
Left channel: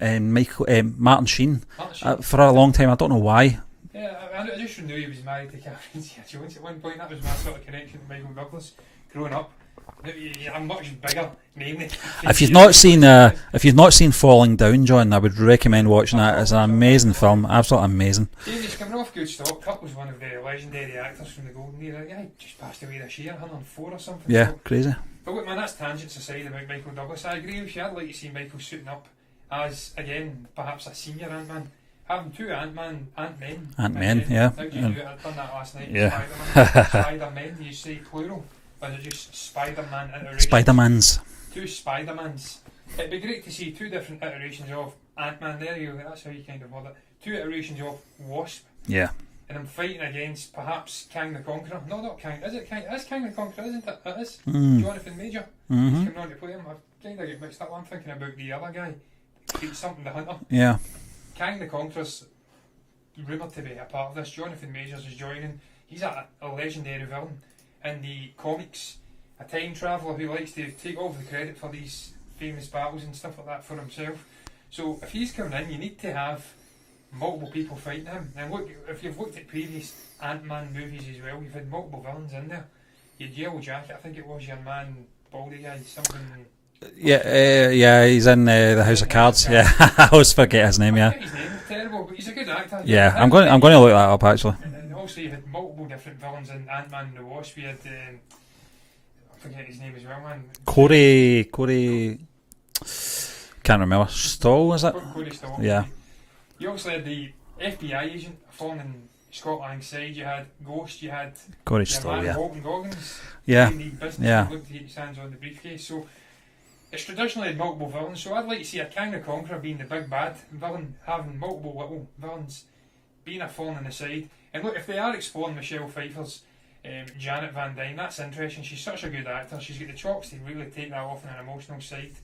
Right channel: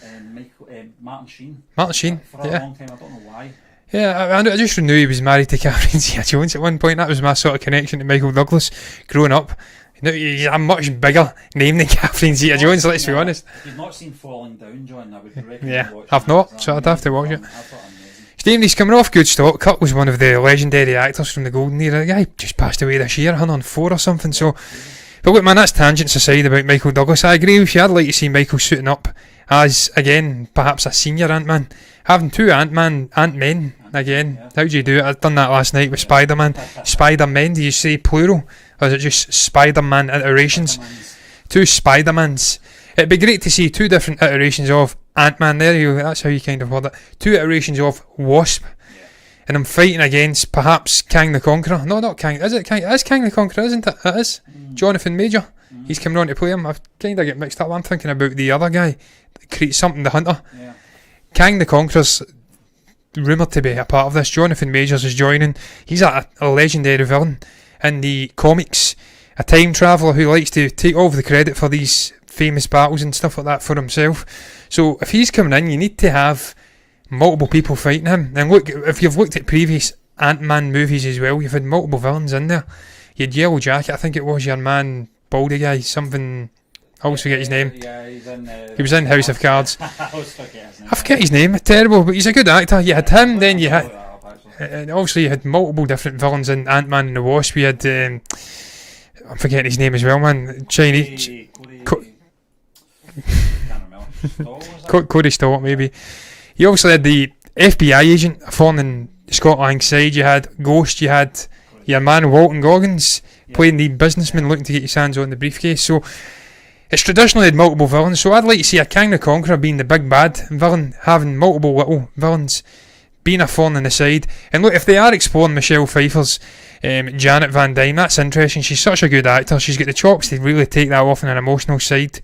and Martin Sheen. Martin Sheen. For a long time, I don't know why. Yeah, I just knew he was married to Catherine Zeta-Jones at one point. That was my sort of connection to Michael Douglas growing up. No, he's a much bigger name than Catherine If you've Zeta-Jones. not let's seen, be honest. if you've not seen Falling Down, John, I would recommend Yeah, watching I've that. not, It's an so I'd have to amazing watch film, absolutely amazing. Stephen, he's coming off good stock. Kurt was one of the legendary actors from the golden era. The guy just passed away this year, 104 or something. Yeah, So, crazy. but look, man, that's tangents aside about Michael Douglas. I agree with you. I'd like to see Michael suiting up as, again, perhaps a senior Ant-Man. Having two Ant-Men again. yeah. How do you do it? I've done that last night with Yeah. Spider-Man. Spider-Men, do you say plural? Or is it just Spider-Man iterations? Spider-Man's. Two Spider-Mans. It'd be great to see two different iterations of Ant-Man. There you go. That's how you kind of word it. Two iterations of Wasp. Yeah. And I'm fighting against perhaps Kang the Conqueror. No, not Kang. Is it Kang? It is Kang the Conqueror, isn't it? It is. Jonathan Major. He's coming on to play him. I kind of get mixed up. I'm thinking about the other guy. Something the Hunter. Yeah. Kang the Conqueror's rumoured to be a part of this. Jonathan Majors is joining. He's a legendary villain in the comics. A time traveller who likes to take all of the credit for these famous battles and stuff like that for himself. So if he's coming in, you need to have multiple people fighting him. And look, if you've looked at previous Ant-Man movies as well, you've had multiple villains in there. You had Yellow Jacket, I think it was, your man, baldy guy, something... I always forget his name. Yeah, he's in the He was in House of Cards. Yeah. I always forget his name. I forget his name, terrible, but he's a good actor. You had him, I'm going then to you had, look that up actually. and obviously you had multiple different villains in Ant-Man and the Wasp. We had, I'm forgetting his name as well, man. Corey. Can't remember. Stoll, was it? Cody Stott, maybe. You obviously had the FBI agent falling in Scott Lang's side. You had Ghost. You had Corey your Stoll, man yeah. Walton Goggins playing the businessman Yeah. looking to get his hands on the briefcase. So it's traditionally had multiple villains. So I'd like to see a Kang the Conqueror being the big bad villain, having multiple little villains, being a thorn in the side. And look, if they are exploring Michelle Pfeiffer's Janet Van Dyne, that's interesting. She's such a good actor. She's got the chops to really take that off on an emotional side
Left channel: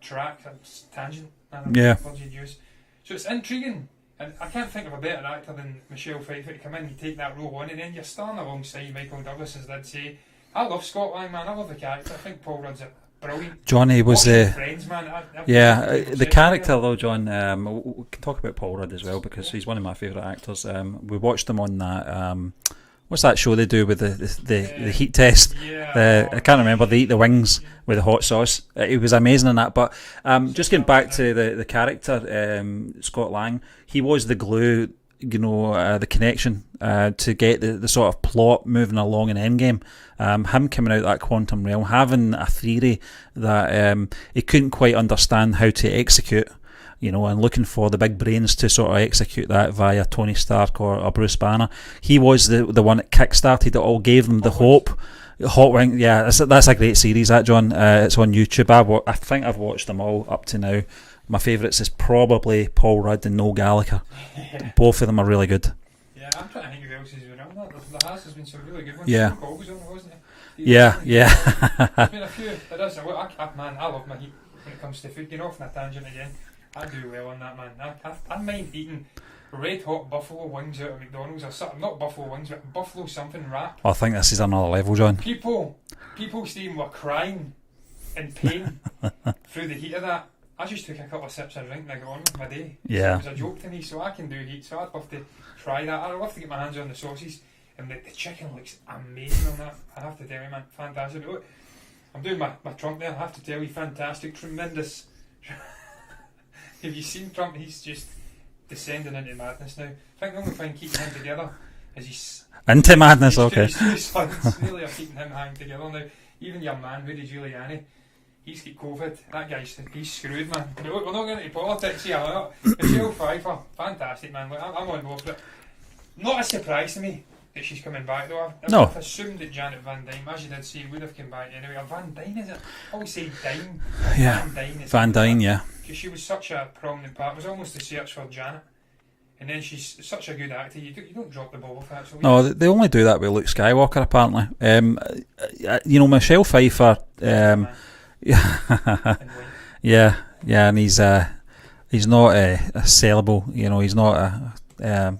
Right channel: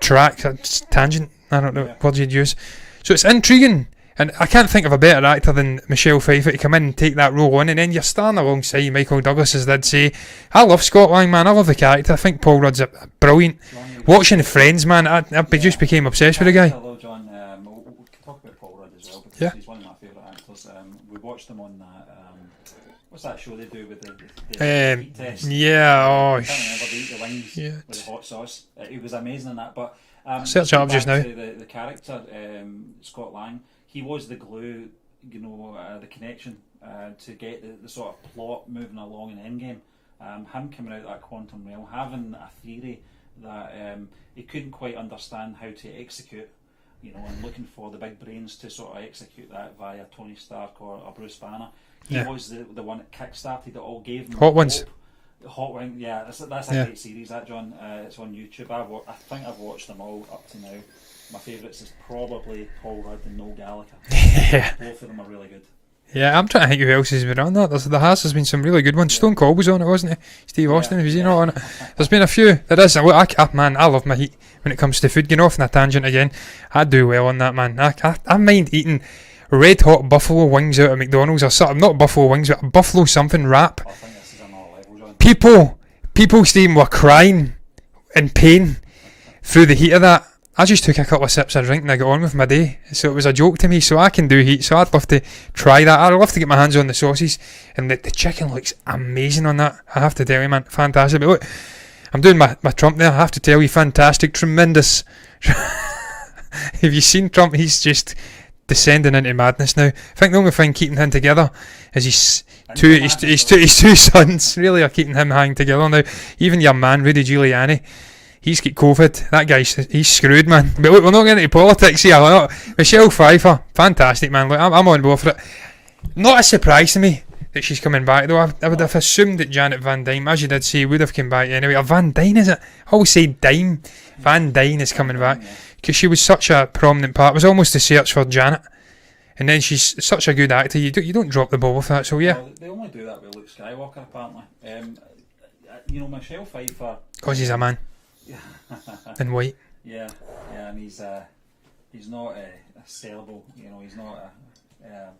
track. That's tangent. I don't know what you'd use. So it's intriguing. And I can't think of a better actor than Michelle Pfeiffer to come in and take that role on, and then you're starting alongside Michael Douglas, as did say. I love Scott Lang, man. I love the character. I think Paul Rudd's a brilliant. Johnny was Watching Friends, man, I just became obsessed with the guy. Though, John, we can talk about Paul Rudd as well because he's one of my favourite actors. We watched him on that. What's that show they do with the heat test? Yeah, I can't remember. They eat the wings with the hot sauce. It was amazing in that. But just going back to the character, Scott Lang, he was the glue, the connection to get the sort of plot moving along in Endgame. Him coming out that quantum realm, having a theory that he couldn't quite understand how to execute. And looking for the big brains to sort of execute that via Tony Stark or Bruce Banner. He was the one that kick-started it all, gave them the hope. Hot Wing, that's a great series, that, John. It's on YouTube. I think I've watched them all up to now. My favourites is probably Paul Rudd and Noel Gallagher. Both of them are really good. Yeah, I'm trying to think who else has been on that. There's been some really good ones. Stone Cold was on it, wasn't he? Steve Austin, was he not on it? There's been a few. There is. Man, I love my heat when it comes to food. Getting off on a tangent again, I do well on that, man. I mind eating red hot buffalo wings out of McDonald's or something. Not buffalo wings, but a buffalo something wrap. I think this is another level, John. People, Stephen, were crying in pain through the heat of that. I just took a couple of sips of drink and I got on with my day. So it was a joke to me. So I can do heat. So I'd love to try that. I'd love to get my hands on the sauces. And the chicken looks amazing on that. I have to tell you, man. Fantastic. But look, I'm doing my Trump there. I have to tell you, fantastic, tremendous. Have you seen Trump? He's just descending into madness now. I think the only thing keeping him together is his two sons really are keeping him hanging together now. Even your man, Rudy Giuliani, he's got COVID. That guy's he's screwed, man. But look, we're not getting into politics here. Michelle Pfeiffer, fantastic, man. Look, I'm on board for it. Not a surprise to me that she's coming back, though. I would have assumed that Janet Van Dyne, as you did say, would have come back anyway. Or Van Dyne, is it? I always say Dyne. Yeah. Van Dyne is coming back. Because she was such a prominent part. It was almost a search for Janet. And then she's such a good actor. You don't drop the ball with that. So yeah. Oh, they only do that with Luke Skywalker, apparently. Michelle Pfeiffer. He's a man. Yeah. In white. Yeah, and he's not a sellable. He's not a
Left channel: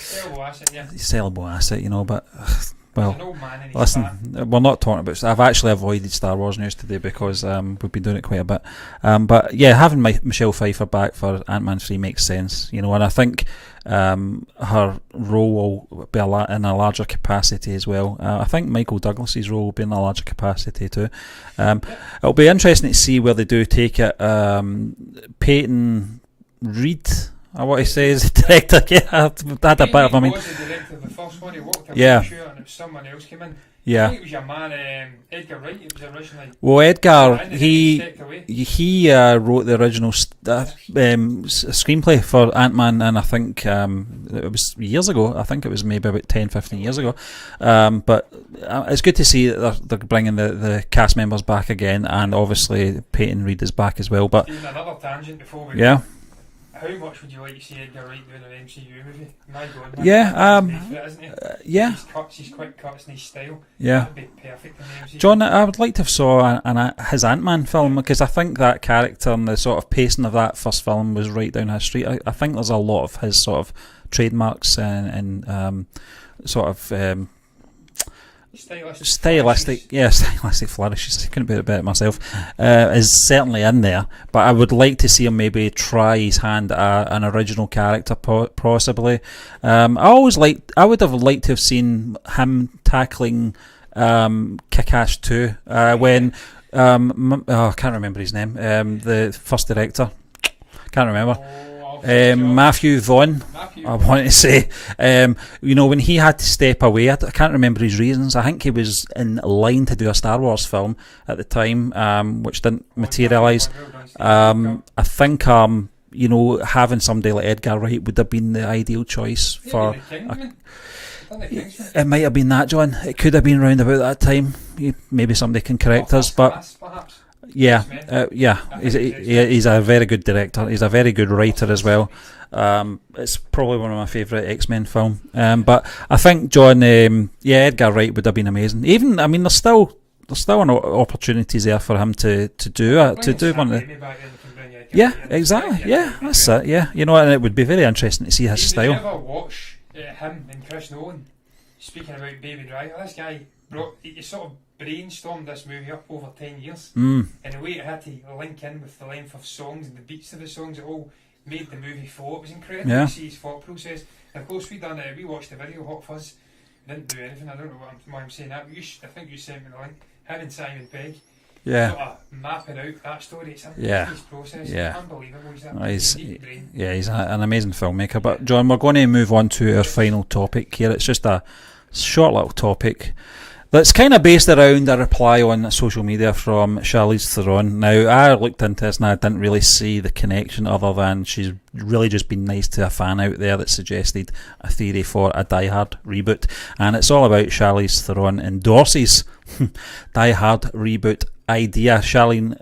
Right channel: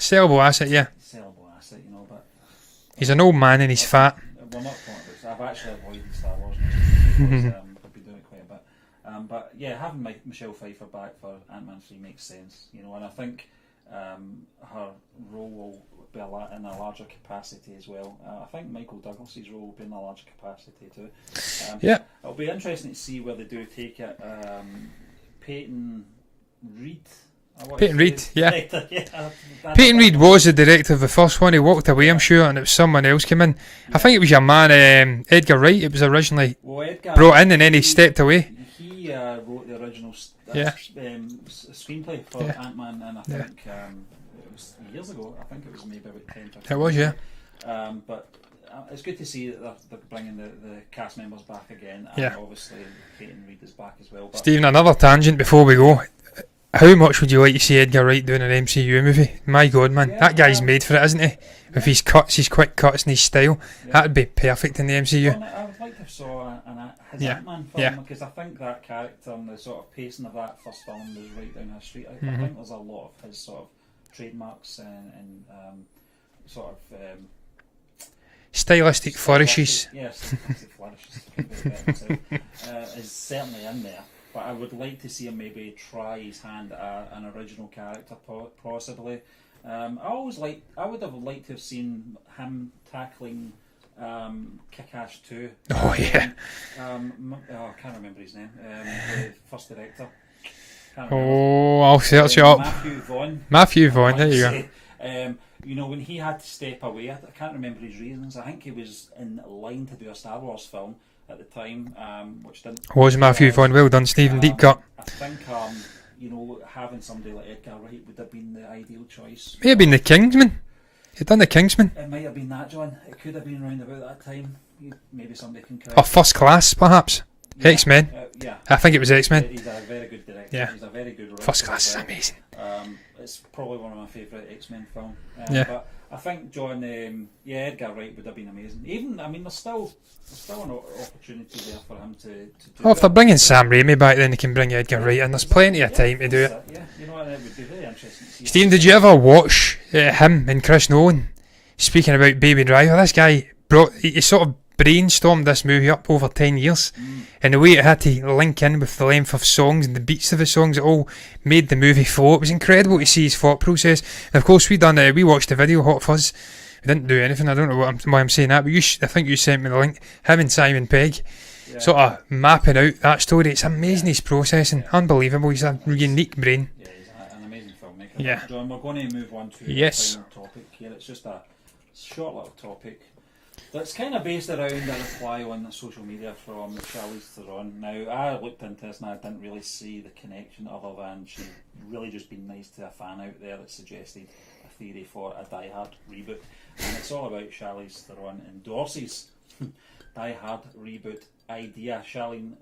sellable asset. Yeah. Sellable asset. But He's an old man and he's fat. We're not talking about. I've actually avoided Star Wars news today because we've been doing it quite a bit. But yeah, having Michelle Pfeiffer back for Ant-Man 3 makes sense, and I think her role will be in a larger capacity as well. I think Michael Douglas's role will be in a larger capacity too. It'll be interesting to see where they do take it. Peyton Reed, I want to say, is the director. Peyton Reed was the director of the first one. He walked away, I'm sure, and it was someone else came in. I think it was your man Edgar Wright. It was originally Edgar brought in, and then he stepped away. He wrote the original screenplay for Ant-Man, and I think it was years ago. I think it was maybe about 10-15 years ago. But it's good to see that they're bringing the cast members back again, and obviously Peyton Reed is back as well. But Stephen, another tangent before we go. How much would you like to see Edgar Wright doing an MCU movie? My God, man, that guy's made for it, isn't he? If he's quick cuts and his style, that'd be perfect in the MCU. John, I would like to have saw his Ant-Man film, because I think that character and the sort of pacing of that first film was right down his street. I think there's a lot of his sort of trademarks and sort of stylistic flourishes. Yeah, stylistic flourishes. I couldn't put it better myself. Is certainly in there, but I would like to see him maybe try his hand at an original character, possibly. I would have liked to have seen him tackling Kick-Ass 2 when I can't remember his name. The first director. Can't remember. I'll search it up. Matthew Vaughn. I want to say, when he had to step away, I can't remember his reasons. I think he was in line to do a Star Wars film at the time, which didn't was Matthew Vaughn. Well done, Stephen. Deep cut. I think having somebody like Edgar Wright would have been the ideal choice. May have been the Kingsman. He'd done the Kingsman. It might have been that, John. It could have been round about that time. Maybe somebody can correct us. First Class, perhaps. X-Men. I think it was X-Men. Yeah, he's a very good director. He's a very good writer as well. Amazing. It's probably one of my favourite X-Men film. But I think John, Edgar Wright would have been amazing. Even, there's still opportunities there for him to do. If they're bringing Sam Raimi back, then they can bring Edgar Wright in. There's plenty of time to do it. And it would be very interesting to see. Steve, did you ever watch him and Chris Nolan speaking about Baby Driver? This guy he sort of brainstormed this movie up over 10 years, and the way it had to link in with the length of songs and the beats of the songs, it all made the movie flow. It was incredible to see his thought process. And of course, we watched the video, Hot Fuzz. We didn't do anything. I don't know why I'm saying that, but I think you sent me the link. Him and Simon Pegg sort of mapping out that story. It's amazing, his process, and unbelievable. He's a unique brain. Yeah, he's an amazing filmmaker. But John, we're going to move on to our final topic here. It's just a short little topic that's kind of based around a reply on social media from Charlize Theron. Now, I looked into this and I didn't really see the connection other than she's really just been nice to a fan out there that suggested a theory for a Die Hard reboot. And it's all about Charlize Theron endorses Die Hard reboot idea. Charlize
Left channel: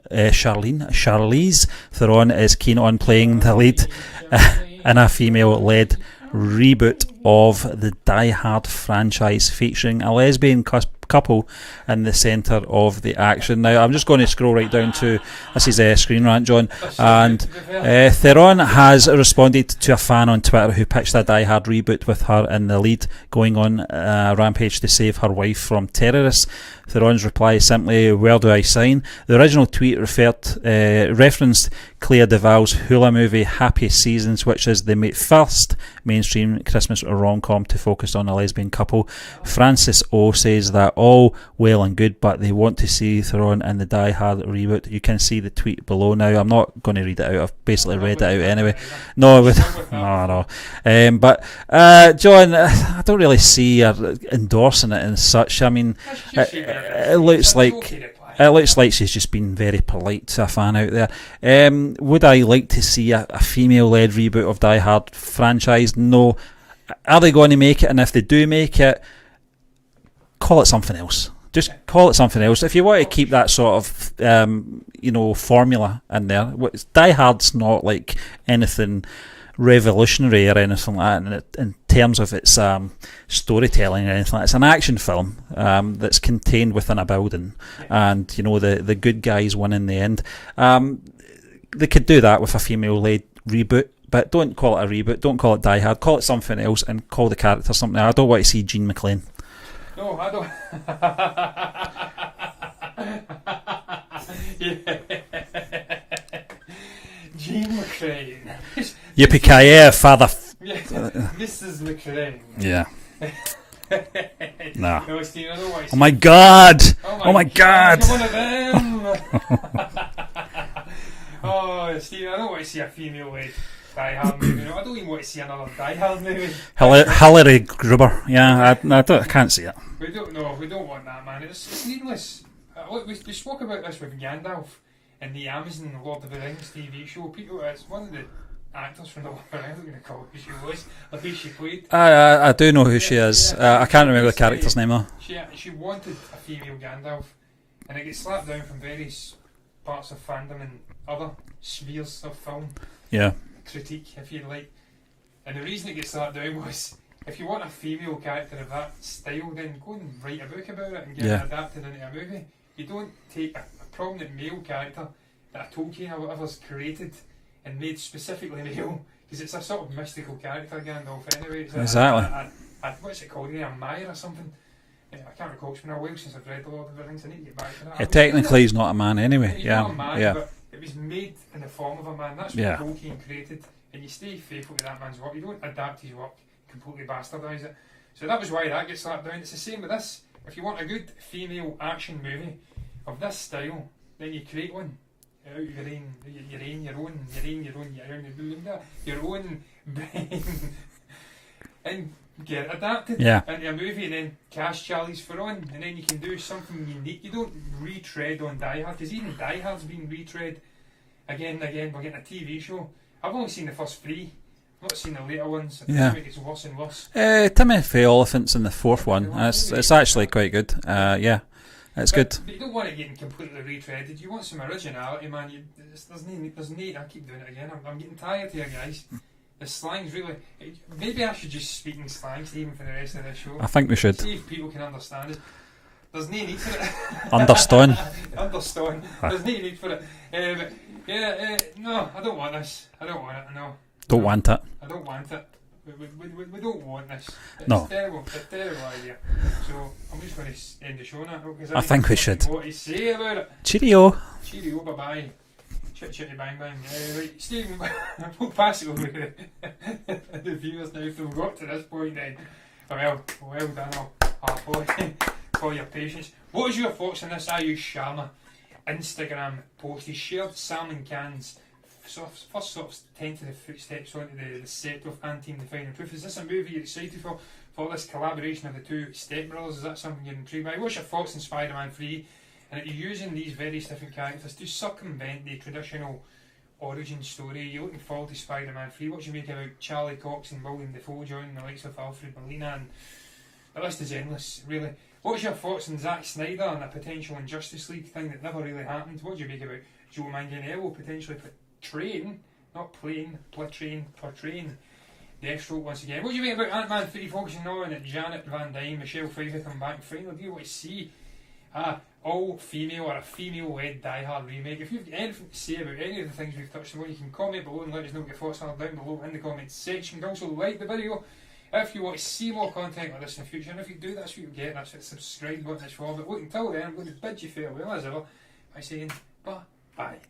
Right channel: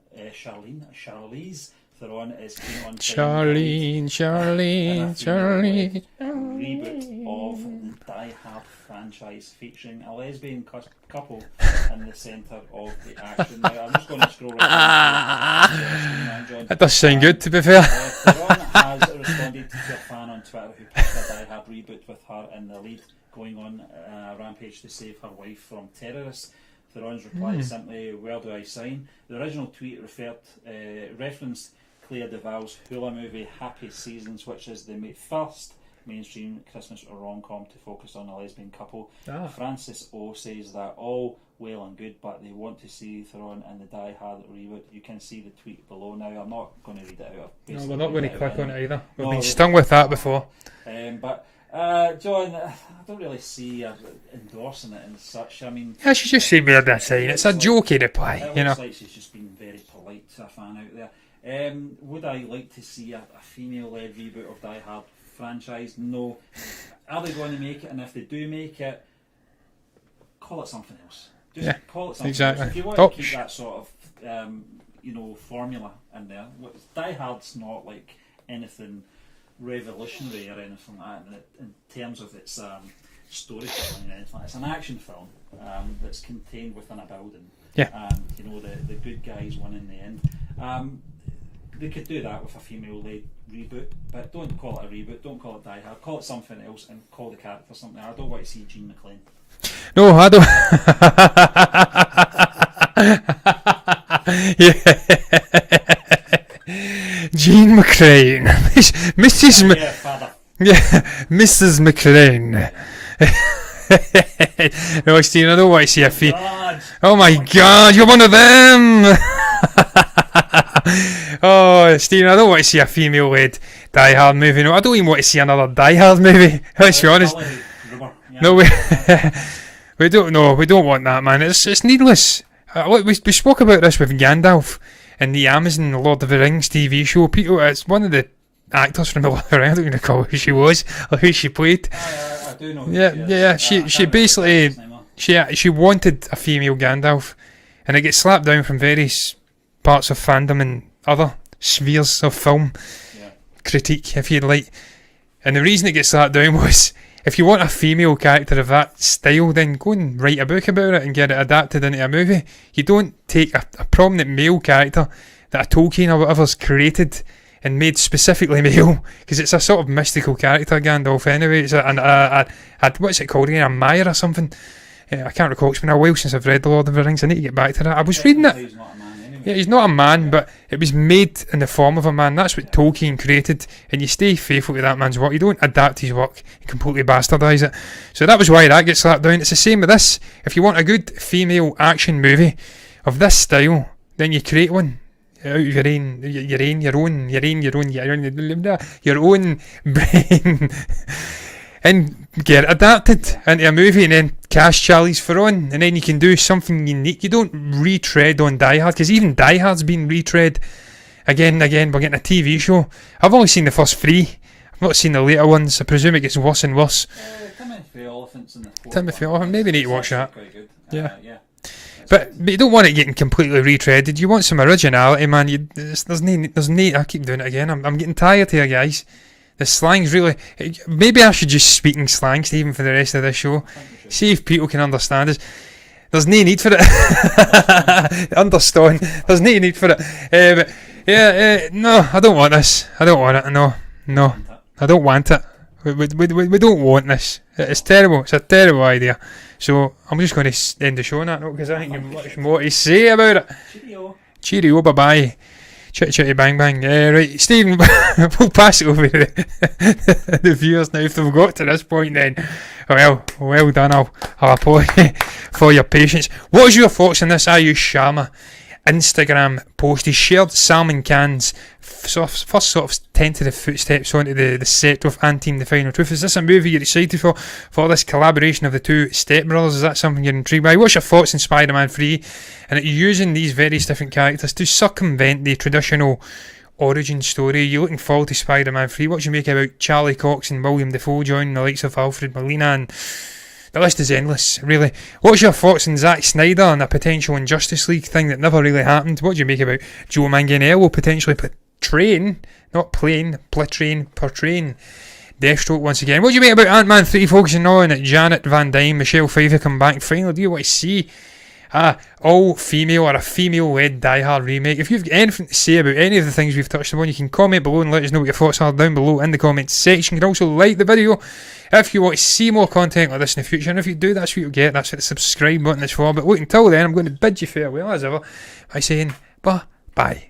Theron is keen on playing the lead in a female-led reboot of the Die Hard franchise, featuring a lesbian couple in the centre of the action. Now, I'm just going to scroll right down to this is Screen Rant, John. That does sound good, to be fair. Theron has responded to a fan on Twitter who pitched a Die Hard reboot with her in the lead, going on a rampage to save her wife from terrorists. Theron's reply is simply, "Where do I sign?" The original tweet referenced Clea Duvall's Hula movie Happy Seasons, which is the first mainstream Christmas rom-com to focus on a lesbian couple. Francis O says that all well and good, but they want to see Theron in the Die Hard reboot. You can see the tweet below now. I'm not going to read it out. I've basically read it out anyway. No, we've done with that before. But John, I don't really see her endorsing it and such. I mean, she's just saying it's a jokey reply. It looks like she's just been very polite to a fan out there. Would I like to see a female-led reboot of Die Hard franchise? No. Are they going to make it? And if they do make it, call it something else. Just call it something else. If you want to keep that sort of formula in there, Die Hard's not like anything revolutionary or anything like that in terms of its storytelling or anything like that. It's an action film that's contained within a building, and the good guys win in the end. They could do that with a female-led reboot, but don't call it a reboot, don't call it Die Hard, call it something else and call the character something. I don't want to see Jean McClane. No, I don't. Jean McCrane. Yippee-ki-yay, father. Yeah, Mrs. McCrane. Yeah. No, Stephen, I don't want to see. Oh my God! Oh my God! You're one of them. Oh, Stephen, I don't want to see a female-led Die Hard movie. No, I don't even want to see another Die Hard movie. Hillary Gruber. Yeah, No, I can't see it. We don't want that, man. It's needless. We spoke about this with Gandalf in the Amazon Lord of the Rings TV show. People, it's one of the actors from the Lord of the Rings. I don't even recall who she was or who she played. I do know who she is. Yeah, I can't remember the character's name though. She wanted a female Gandalf, and it gets slapped down from various parts of fandom and other spheres of film critique, if you'd like. And the reason it gets slapped down was, if you want a female character of that style, then go and write a book about it and get it adapted into a movie. You don't take a prominent male character that a Tolkien or whatever's created and made specifically male, because it's a sort of mystical character, Gandalf, anyway. It's what's it called again? A Mire or something? I can't recall. It's been a while since I've read The Lord of the Rings. I need to get back to that. I was reading it. Technically, he's not a man anyway. Yeah, he's not a man, but it was made in the form of a man. That's what Tolkien created, and you stay faithful to that man's work. You don't adapt his work and completely bastardise it. So that was why that gets slapped down. It's the same with this. If you want a good female action movie of this style, then you create one out of your own brain. And get it adapted into a movie, and then cast Charlize Theron, and then you can do something unique. You don't retread on Die Hard, because even Die Hard's been retread again and again. We're getting a TV show. I've only seen the first 3. I've not seen the later ones. I presume it gets worse and worse. Timothy Olyphant's in the 4th one. It's actually quite good. It's good. But you don't want it getting completely retreaded. You want some originality, man. There's no. I keep doing it again. I'm getting tired here, guys. The slang's really... Maybe I should just speak in slang, Stephen, for the rest of this show. I think we should. See if people can understand us. There's no need for it. Understand. There's no need for it. But no, I don't want this. I don't want it. No. Don't want it. I don't want it. We don't want this. It's terrible. It's a terrible idea. So I'm just going to end the show on that note, because I think we should. More to say about it. Cheerio. Bye-bye. Chitty chitty bang bang. Right, Stephen, we'll pass it over to the viewers now if they've got to this point. Then, well done. I'll apologize for your patience. What was your thoughts on this Aayush Sharma Instagram post? He shared Salman Khan's first sort of tentative footsteps onto the set of Antim, The Final Truth. Is this a movie you're excited for this collaboration of the two stepbrothers? Is that something you're intrigued by? What's your thoughts on Spider-Man 3? And using these various different characters to circumvent the traditional origin story. You're looking forward to Spider-Man 3. What do you make about Charlie Cox and William Dafoe joining the likes of Alfred Molina? And the list is endless, really. What's your thoughts on Zack Snyder and a potential Injustice League thing that never really happened? What do you make about Joe Manganiello potentially portraying Deathstroke once again? What do you make about Ant-Man 3 focusing on Janet Van Dyne, Michelle Pfeiffer come back finally? Do you want to see all-female or a female-led Die Hard remake? If you've got anything to say about any of the things we've touched upon, you can comment below and let us know what your thoughts are down below in the comments section. You can also like the video if you want to see more content like this in the future, and if you do, that's what you'll get. That's what the subscribe button is for. But look, until then, I'm going to bid you farewell as ever by saying bye.